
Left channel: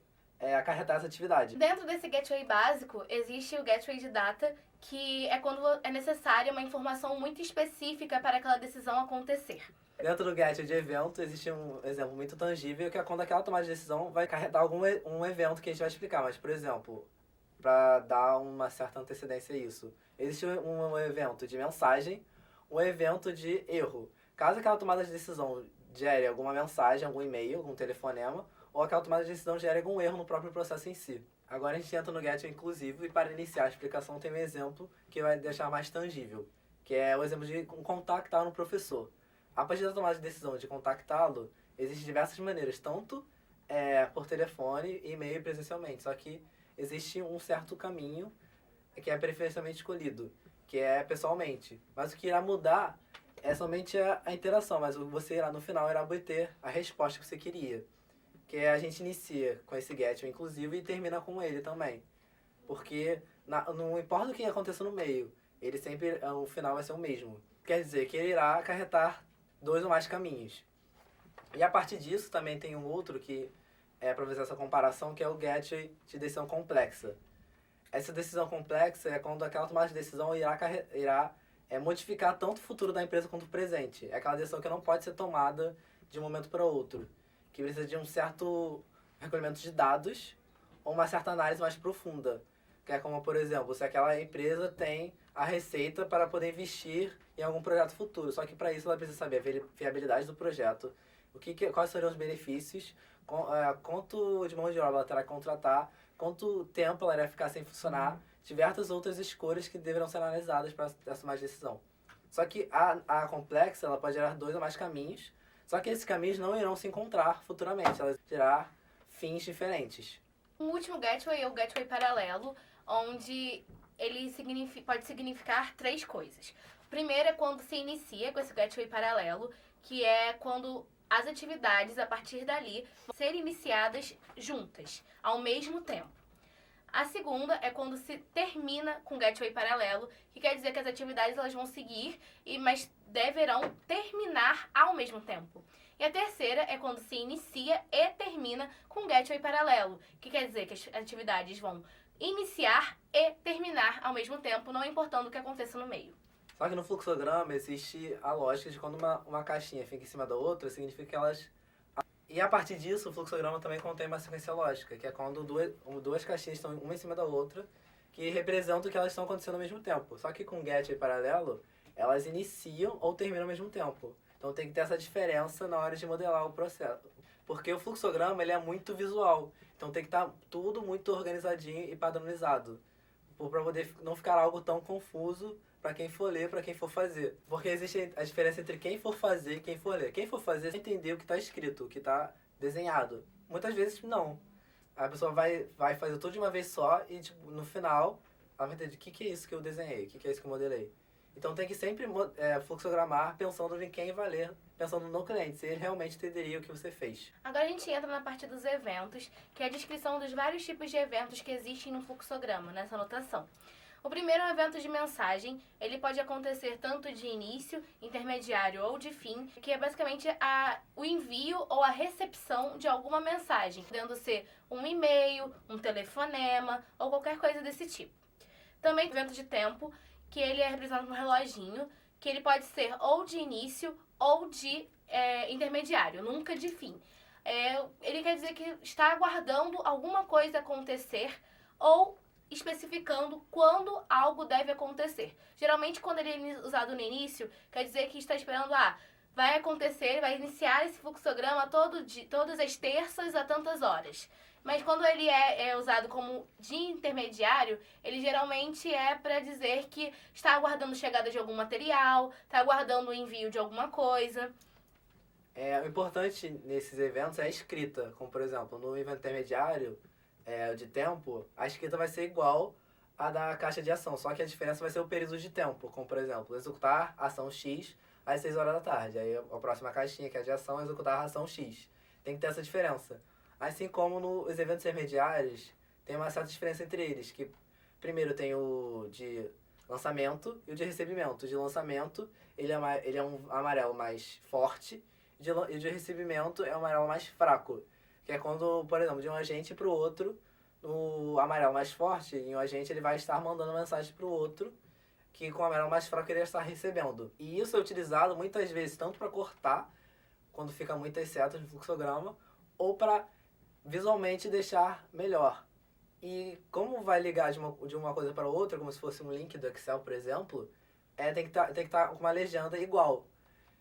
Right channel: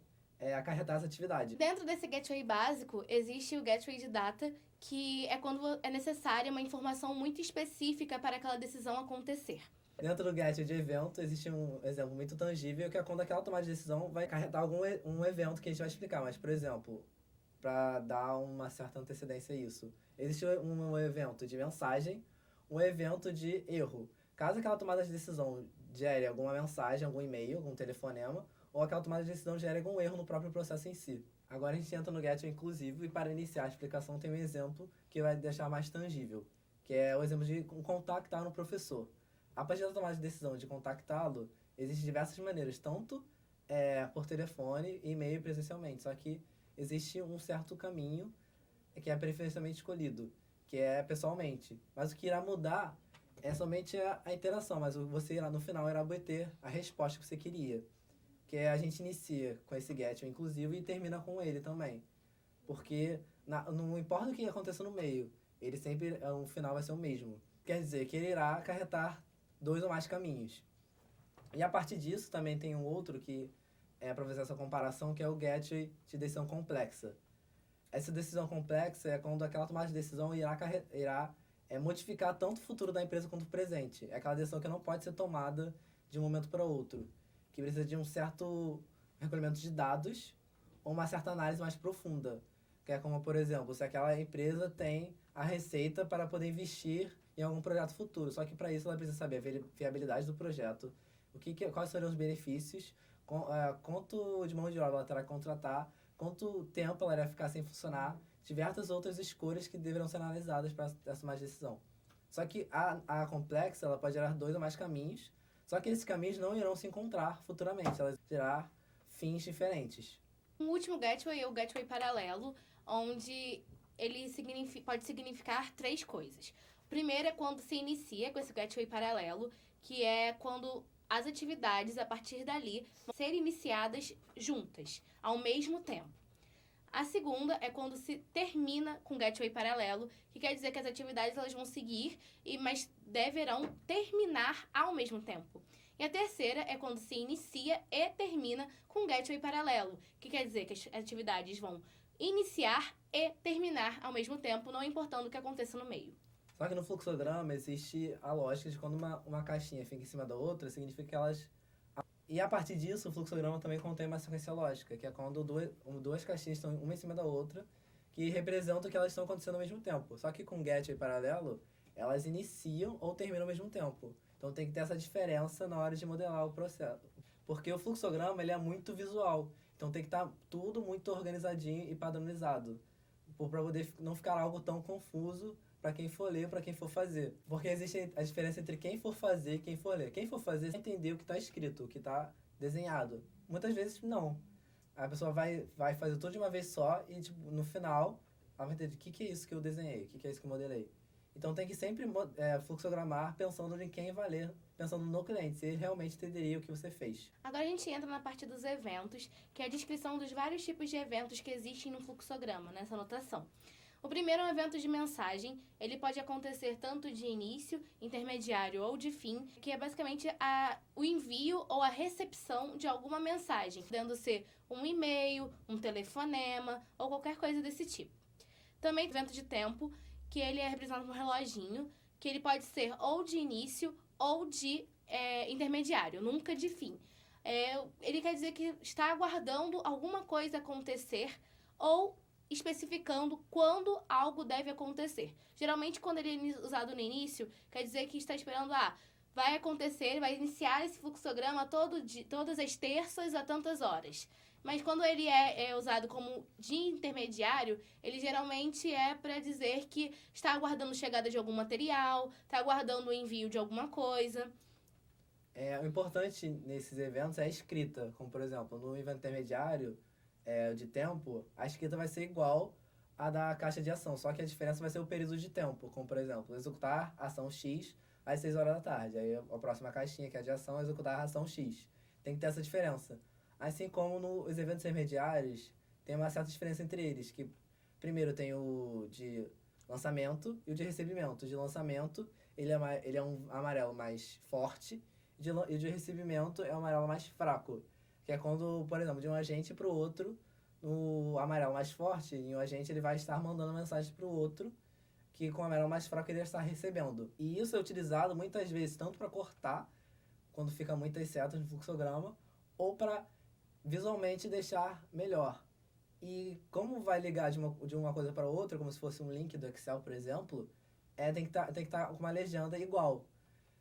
acarretar essa atividade. Dentro desse gateway básico, existe o gateway de data, que é quando é necessária uma informação muito específica para aquela decisão acontecer. Dentro do gateway de evento, existe um exemplo muito tangível, que é quando aquela tomada de decisão vai acarretar um evento que a gente vai explicar. Mas, por exemplo, para dar uma certa antecedência a isso, existe um evento de mensagem, um evento de erro. Caso aquela tomada de decisão gere alguma mensagem, algum e-mail, algum telefonema, ou aquela tomada de decisão gere algum erro no próprio processo em si. Agora a gente entra no gateway inclusivo, e para iniciar a explicação tem um exemplo que vai deixar mais tangível, que é o exemplo de contactar um professor. A partir da tomada de decisão de contactá-lo, existem diversas maneiras, tanto por telefone, e-mail e presencialmente. Só que existe um certo caminho que é preferencialmente escolhido, que é pessoalmente. Mas o que irá mudar é somente a interação, mas você irá, no final, irá obter a resposta que você queria. Que a gente inicia com esse gateway inclusivo e termina com ele também. Porque não importa o que aconteça no meio, ele sempre, o final vai ser o mesmo. Quer dizer que ele irá acarretar 2 ou mais caminhos. E a partir disso também tem um outro que para fazer essa comparação, que é o gateway de decisão complexa. Essa decisão complexa é quando aquela tomada de decisão irá modificar tanto o futuro da empresa quanto o presente. É aquela decisão que não pode ser tomada de um momento para outro, que precisa de um certo recolhimento de dados ou uma certa análise mais profunda. Que é como, por exemplo, se aquela empresa tem a receita para poder investir em algum projeto futuro. Só que para isso ela precisa saber a viabilidade do projeto, quais seriam os benefícios, quanto de mão de obra ela terá que contratar, quanto tempo ela irá ficar sem funcionar, diversas outras escolhas que deverão ser analisadas para essa mais decisão. Só que a complexa ela pode gerar 2 ou mais caminhos, Só que esses caminhos não irão se encontrar futuramente, elas terão fins diferentes. O último gateway é o gateway paralelo, onde ele pode significar 3 coisas. O primeiro é quando se inicia com esse gateway paralelo, que é quando as atividades, a partir dali, vão ser iniciadas juntas, ao mesmo tempo. A segunda é quando se termina com gateway paralelo, que quer dizer que as atividades elas vão seguir, mas deverão terminar ao mesmo tempo. E a terceira é quando se inicia e termina com gateway paralelo, que quer dizer que as atividades vão iniciar e terminar ao mesmo tempo, não importando o que aconteça no meio. Só que no fluxograma existe a lógica de quando uma caixinha fica em cima da outra, significa que elas... E a partir disso, o fluxograma também contém uma sequência lógica, que é quando duas caixinhas estão uma em cima da outra, que representam que elas estão acontecendo ao mesmo tempo. Só que com gateway paralelo, elas iniciam ou terminam ao mesmo tempo. Então tem que ter essa diferença na hora de modelar o processo. Porque o fluxograma ele é muito visual. Então tem que estar tudo muito organizadinho e padronizado. Para poder não ficar algo tão confuso para quem for ler, para quem for fazer. Porque existe a diferença entre quem for fazer e quem for ler. Quem for fazer, entender o que está escrito, o que está desenhado. Muitas vezes, não. A pessoa vai fazer tudo de uma vez só e, tipo, no final, ela vai entender o que é isso que eu desenhei, o que é isso que eu modelei. Então tem que sempre fluxogramar pensando em quem vai ler, pensando no cliente, se ele realmente entenderia o que você fez. Agora a gente entra na parte dos eventos, que é a descrição dos vários tipos de eventos que existem no fluxograma, nessa anotação. O primeiro é um evento de mensagem. Ele pode acontecer tanto de início, intermediário ou de fim, que é basicamente o envio ou a recepção de alguma mensagem, podendo ser um e-mail, um telefonema ou qualquer coisa desse tipo. Também evento de tempo, que ele é representado por um reloginho, que ele pode ser ou de início ou de intermediário, nunca de fim. Ele quer dizer que está aguardando alguma coisa acontecer ou especificando quando algo deve acontecer. Geralmente, quando ele é usado no início, quer dizer que está esperando, vai acontecer, vai iniciar esse fluxograma todas as terças a tantas horas. Mas quando ele é usado como de intermediário, ele geralmente é para dizer que está aguardando chegada de algum material, está aguardando o envio de alguma coisa. O importante nesses eventos é a escrita, como por exemplo, no evento intermediário de tempo, a escrita vai ser igual à da caixa de ação, só que a diferença vai ser o período de tempo, como por exemplo, executar ação X às 6 horas da tarde. Aí a próxima caixinha, que é a de ação, é executar a ação X. Tem que ter essa diferença. Assim como nos eventos intermediários, tem uma certa diferença entre eles, que primeiro tem o de lançamento e o de recebimento. O de lançamento, ele é um amarelo mais forte, e o de recebimento é um amarelo mais fraco. Que é quando, por exemplo, de um agente para o outro, no amarelo mais forte, em um agente ele vai estar mandando mensagem para o outro, que com o amarelo mais fraco ele vai estar recebendo. E isso é utilizado muitas vezes tanto para cortar, quando fica muitas setas no fluxograma, ou para visualmente deixar melhor. E como vai ligar de uma coisa para outra, como se fosse um link do Excel, por exemplo, tem que estar com uma legenda igual.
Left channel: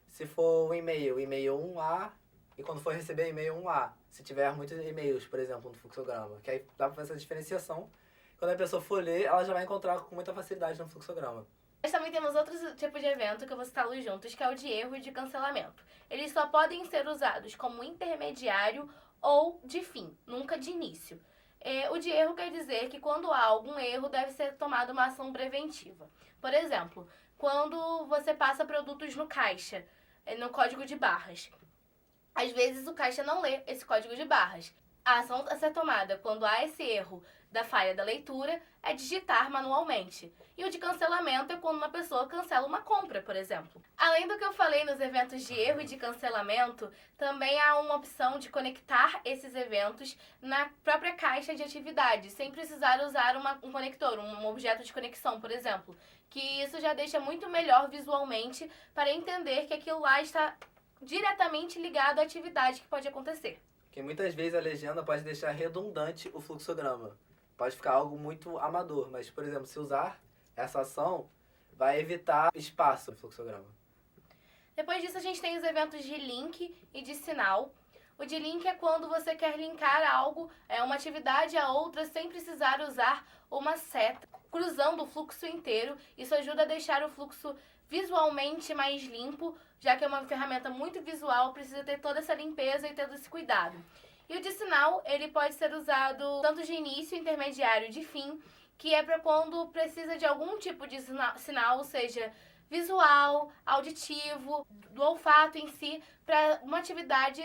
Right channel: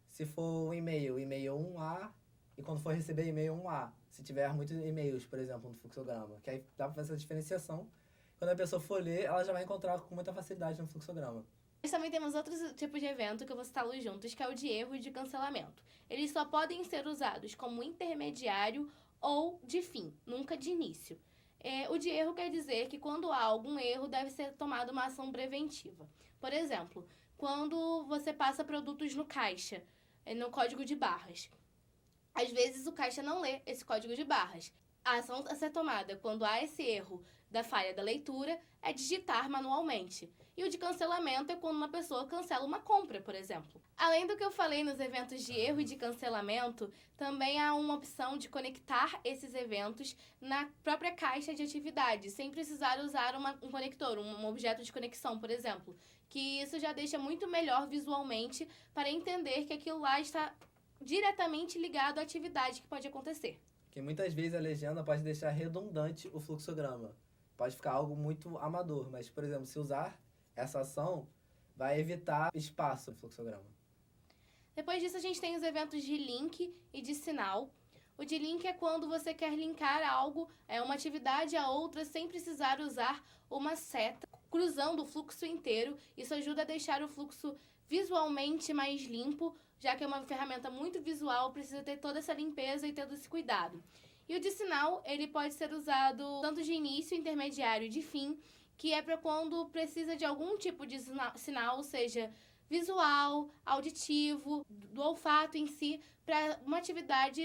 Se for um e-mail 1A, e quando for receber e-mail 1A. Se tiver muitos e-mails, por exemplo, no fluxograma. Que aí dá para fazer essa diferenciação. Quando a pessoa for ler, ela já vai encontrar com muita facilidade no fluxograma. Nós também temos outros tipos de evento que eu vou citá-los juntos, que é o de erro e de cancelamento. Eles só podem ser usados como intermediário ou de fim, nunca de início. O de erro quer dizer que quando há algum erro, deve ser tomada uma ação preventiva. Por exemplo, quando você passa produtos no caixa, no código de barras. Às vezes o caixa não lê esse código de barras. A ação a ser tomada quando há esse erro da falha da leitura é digitar manualmente. E o de cancelamento é quando uma pessoa cancela uma compra, por exemplo. Além do que eu falei nos eventos de erro e de cancelamento, também há uma opção de conectar esses eventos na própria caixa de atividades, sem precisar usar um conector, um objeto de conexão, por exemplo. Que isso já deixa muito melhor visualmente para entender que aquilo lá está diretamente ligado à atividade que pode acontecer. Porque muitas vezes a legenda pode deixar redundante o fluxograma. Pode ficar algo muito amador, mas, por exemplo, se usar essa ação, vai evitar espaço no fluxograma. Depois disso, a gente tem os eventos de link e de sinal. O de link é quando você quer linkar algo, uma atividade a outra, sem precisar usar uma seta, cruzando o fluxo inteiro. Isso ajuda a deixar o fluxo visualmente mais limpo já que é uma ferramenta muito visual, precisa ter toda essa limpeza e todo esse cuidado. E o de sinal, ele pode ser usado tanto de início, intermediário e de fim, que é para quando precisa de algum tipo de sinal, seja visual, auditivo, do olfato em si, para uma atividade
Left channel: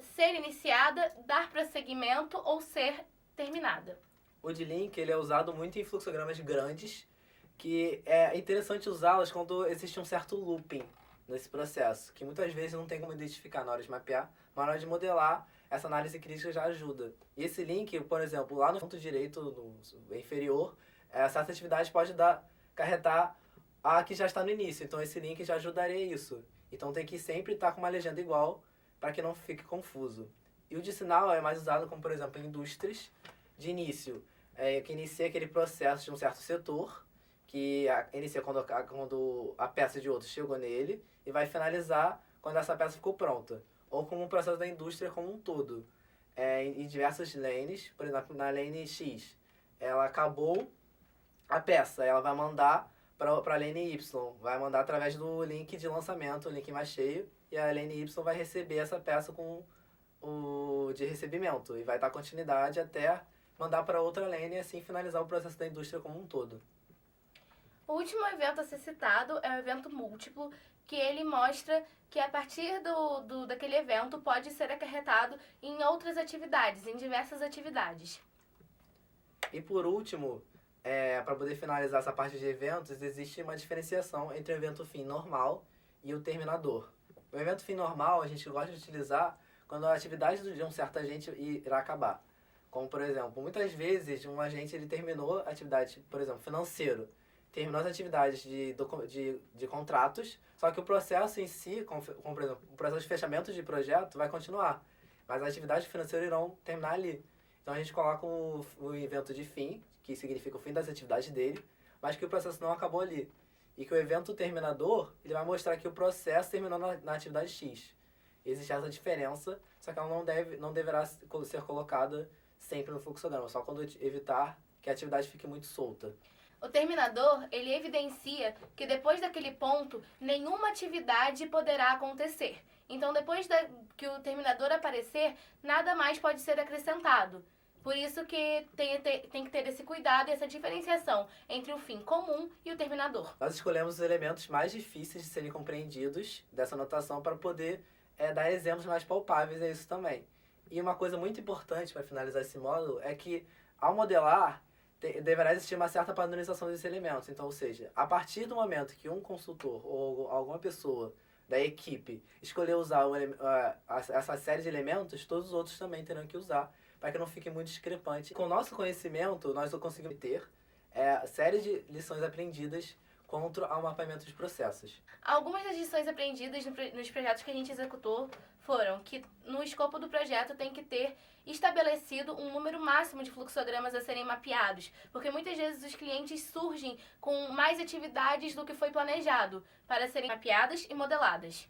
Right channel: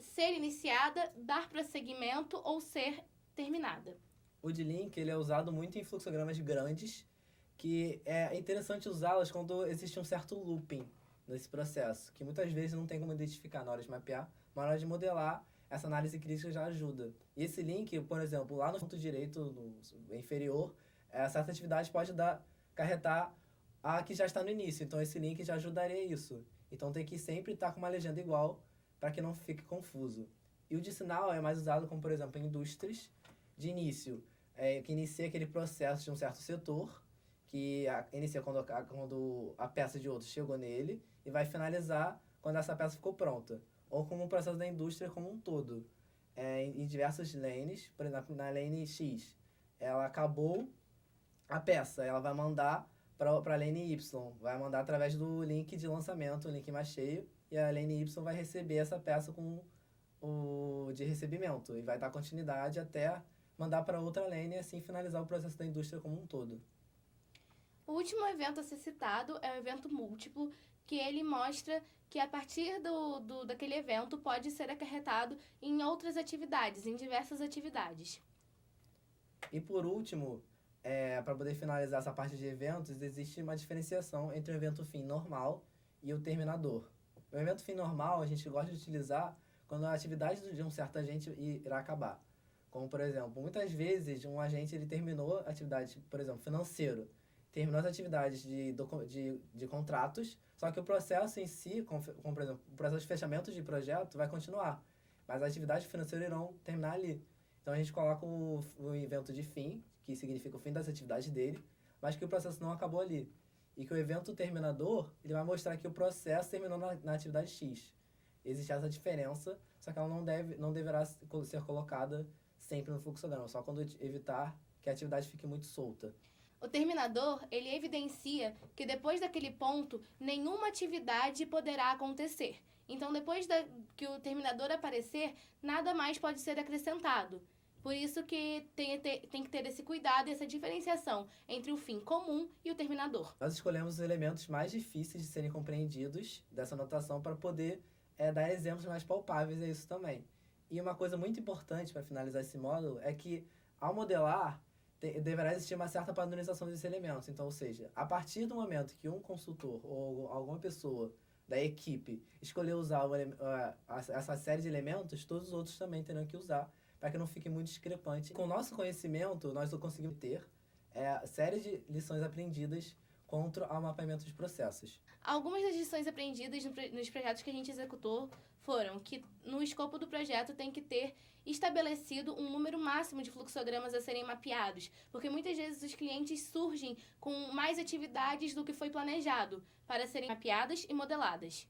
ser iniciada, dar prosseguimento ou ser terminada. O de link ele é usado muito em fluxogramas grandes, que é interessante usá-los quando existe um certo looping nesse processo, que muitas vezes não tem como identificar na hora de mapear, mas na hora de modelar, essa análise crítica já ajuda. E esse link, por exemplo, lá no ponto direito no inferior, certa atividade pode acarretar a que já está no início, então esse link já ajudaria isso. Então tem que sempre estar com uma legenda igual para que não fique confuso. E o de sinal é mais usado como, por exemplo, em indústrias de início, que inicia aquele processo de um certo setor, que inicia quando a peça de outro chegou nele e vai finalizar quando essa peça ficou pronta. Ou como um processo da indústria como um todo. Em diversas lanes, por exemplo, na lane X, ela acabou a peça, ela vai mandar para a lane Y, vai mandar através do link de lançamento, o link mais cheio, e a lane Y vai receber essa peça com o de recebimento, e vai dar continuidade até mandar para outra lane e assim finalizar o processo da indústria como um todo. O último evento a ser citado é o evento múltiplo, que ele mostra que a partir daquele evento pode ser acarretado em outras atividades, em diversas atividades. E por último, para poder finalizar essa parte de eventos, existe uma diferenciação entre o evento fim normal e o terminador. O evento fim normal a gente gosta de utilizar quando a atividade de um certo agente irá acabar. Como, por exemplo, muitas vezes um agente ele terminou a atividade, por exemplo, financeiro, terminou as atividades de contratos, só que o processo em si, como por exemplo, o processo de fechamento de projeto vai continuar, mas as atividades financeiras irão terminar ali. Então a gente coloca o evento de fim, que significa o fim das atividades dele, mas que o processo não acabou ali. E que o evento terminador, ele vai mostrar que o processo terminou na atividade X. Existe essa diferença, só que ela não deverá ser colocada sempre no fluxograma, só quando evitar que a atividade fique muito solta. O terminador, ele evidencia que depois daquele ponto, nenhuma atividade poderá acontecer. Então, depois que o terminador aparecer, nada mais pode ser acrescentado. Por isso que tem que ter esse cuidado, essa diferenciação entre o fim comum e o terminador. Nós escolhemos os elementos mais difíceis de serem compreendidos dessa notação para poder dar exemplos mais palpáveis a isso também. E uma coisa muito importante para finalizar esse módulo é que, ao modelar, deverá existir uma certa padronização desses elementos. Então, ou seja, a partir do momento que um consultor ou alguma pessoa da equipe escolher usar essa série de elementos, todos os outros também terão que usar, para que não fique muito discrepante. Com o nosso conhecimento, nós conseguimos ter série de lições aprendidas contra o mapeamento de processos. Algumas das lições aprendidas nos projetos que a gente executou foram que no escopo do projeto tem que ter estabelecido um número máximo de fluxogramas a serem mapeados, porque muitas vezes os clientes surgem com mais atividades do que foi planejado para serem mapeadas e modeladas.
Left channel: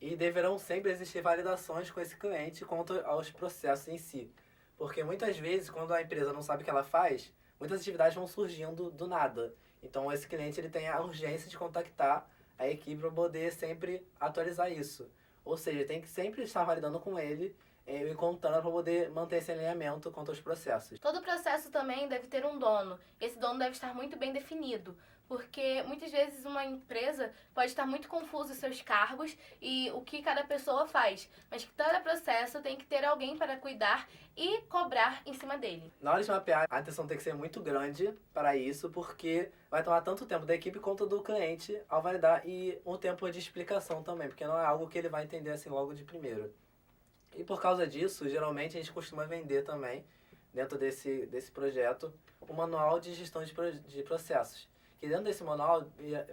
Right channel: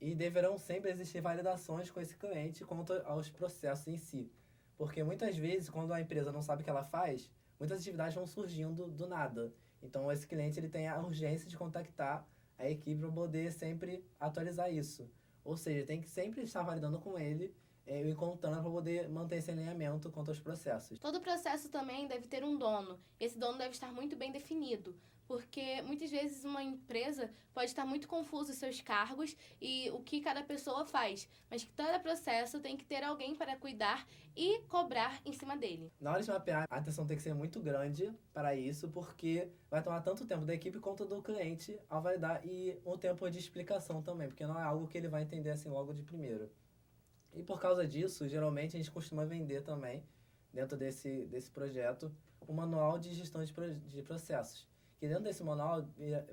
E deverão sempre existir validações com esse cliente quanto aos processos em si, porque muitas vezes quando a empresa não sabe o que ela faz, muitas atividades vão surgindo do nada. Então esse cliente ele tem a urgência de contactar a equipe para poder sempre atualizar isso. Ou seja, tem que sempre estar validando com ele e contando para poder manter esse alinhamento quanto aos processos. Todo processo também deve ter um dono. Esse dono deve estar muito bem definido, porque muitas vezes uma empresa pode estar muito confusa os seus cargos e o que cada pessoa faz, mas que cada processo tem que ter alguém para cuidar e cobrar em cima dele. Na hora de mapear, a atenção tem que ser muito grande para isso, porque vai tomar tanto tempo da equipe quanto do cliente ao validar e um tempo de explicação também, porque não é algo que ele vai entender assim logo de primeiro. E por causa disso, geralmente a gente costuma vender também, dentro desse projeto, um manual de gestão de processos. Que dentro desse manual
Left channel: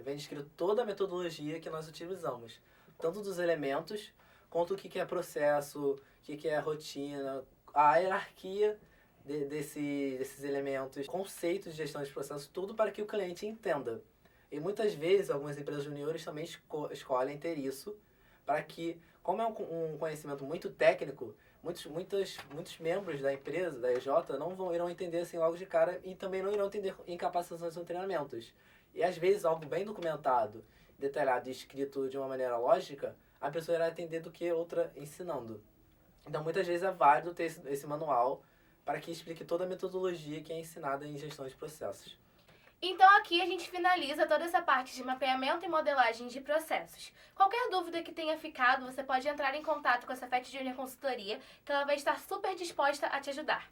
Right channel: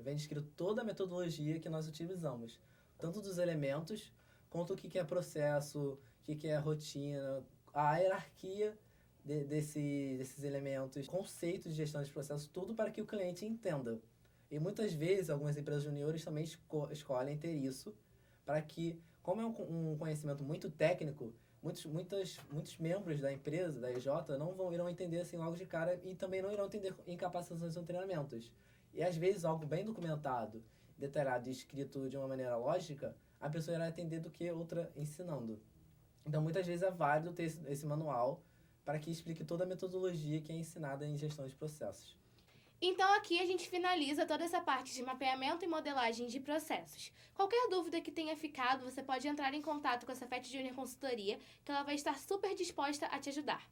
vem descrito toda a metodologia que nós utilizamos, tanto dos elementos, quanto o que é processo, o que é rotina, a hierarquia desses elementos, conceitos de gestão de processos, tudo para que o cliente entenda. E muitas vezes, algumas empresas juniores também escolhem ter isso, para que, como é um conhecimento muito técnico, muitos membros da empresa, da EJ, irão entender assim logo de cara e também não irão entender em capacitações ou treinamentos. E às vezes algo bem documentado detalhado e escrito de uma maneira lógica, a pessoa irá entender do que outra ensinando. Então, muitas vezes é válido ter esse manual para que explique toda a metodologia que é ensinada em gestão de processos. Então aqui a gente finaliza toda essa parte de mapeamento e modelagem de processos. Qualquer dúvida que tenha ficado, você pode entrar em contato com a Cefet Júnior Consultoria, que ela vai estar super disposta a te ajudar.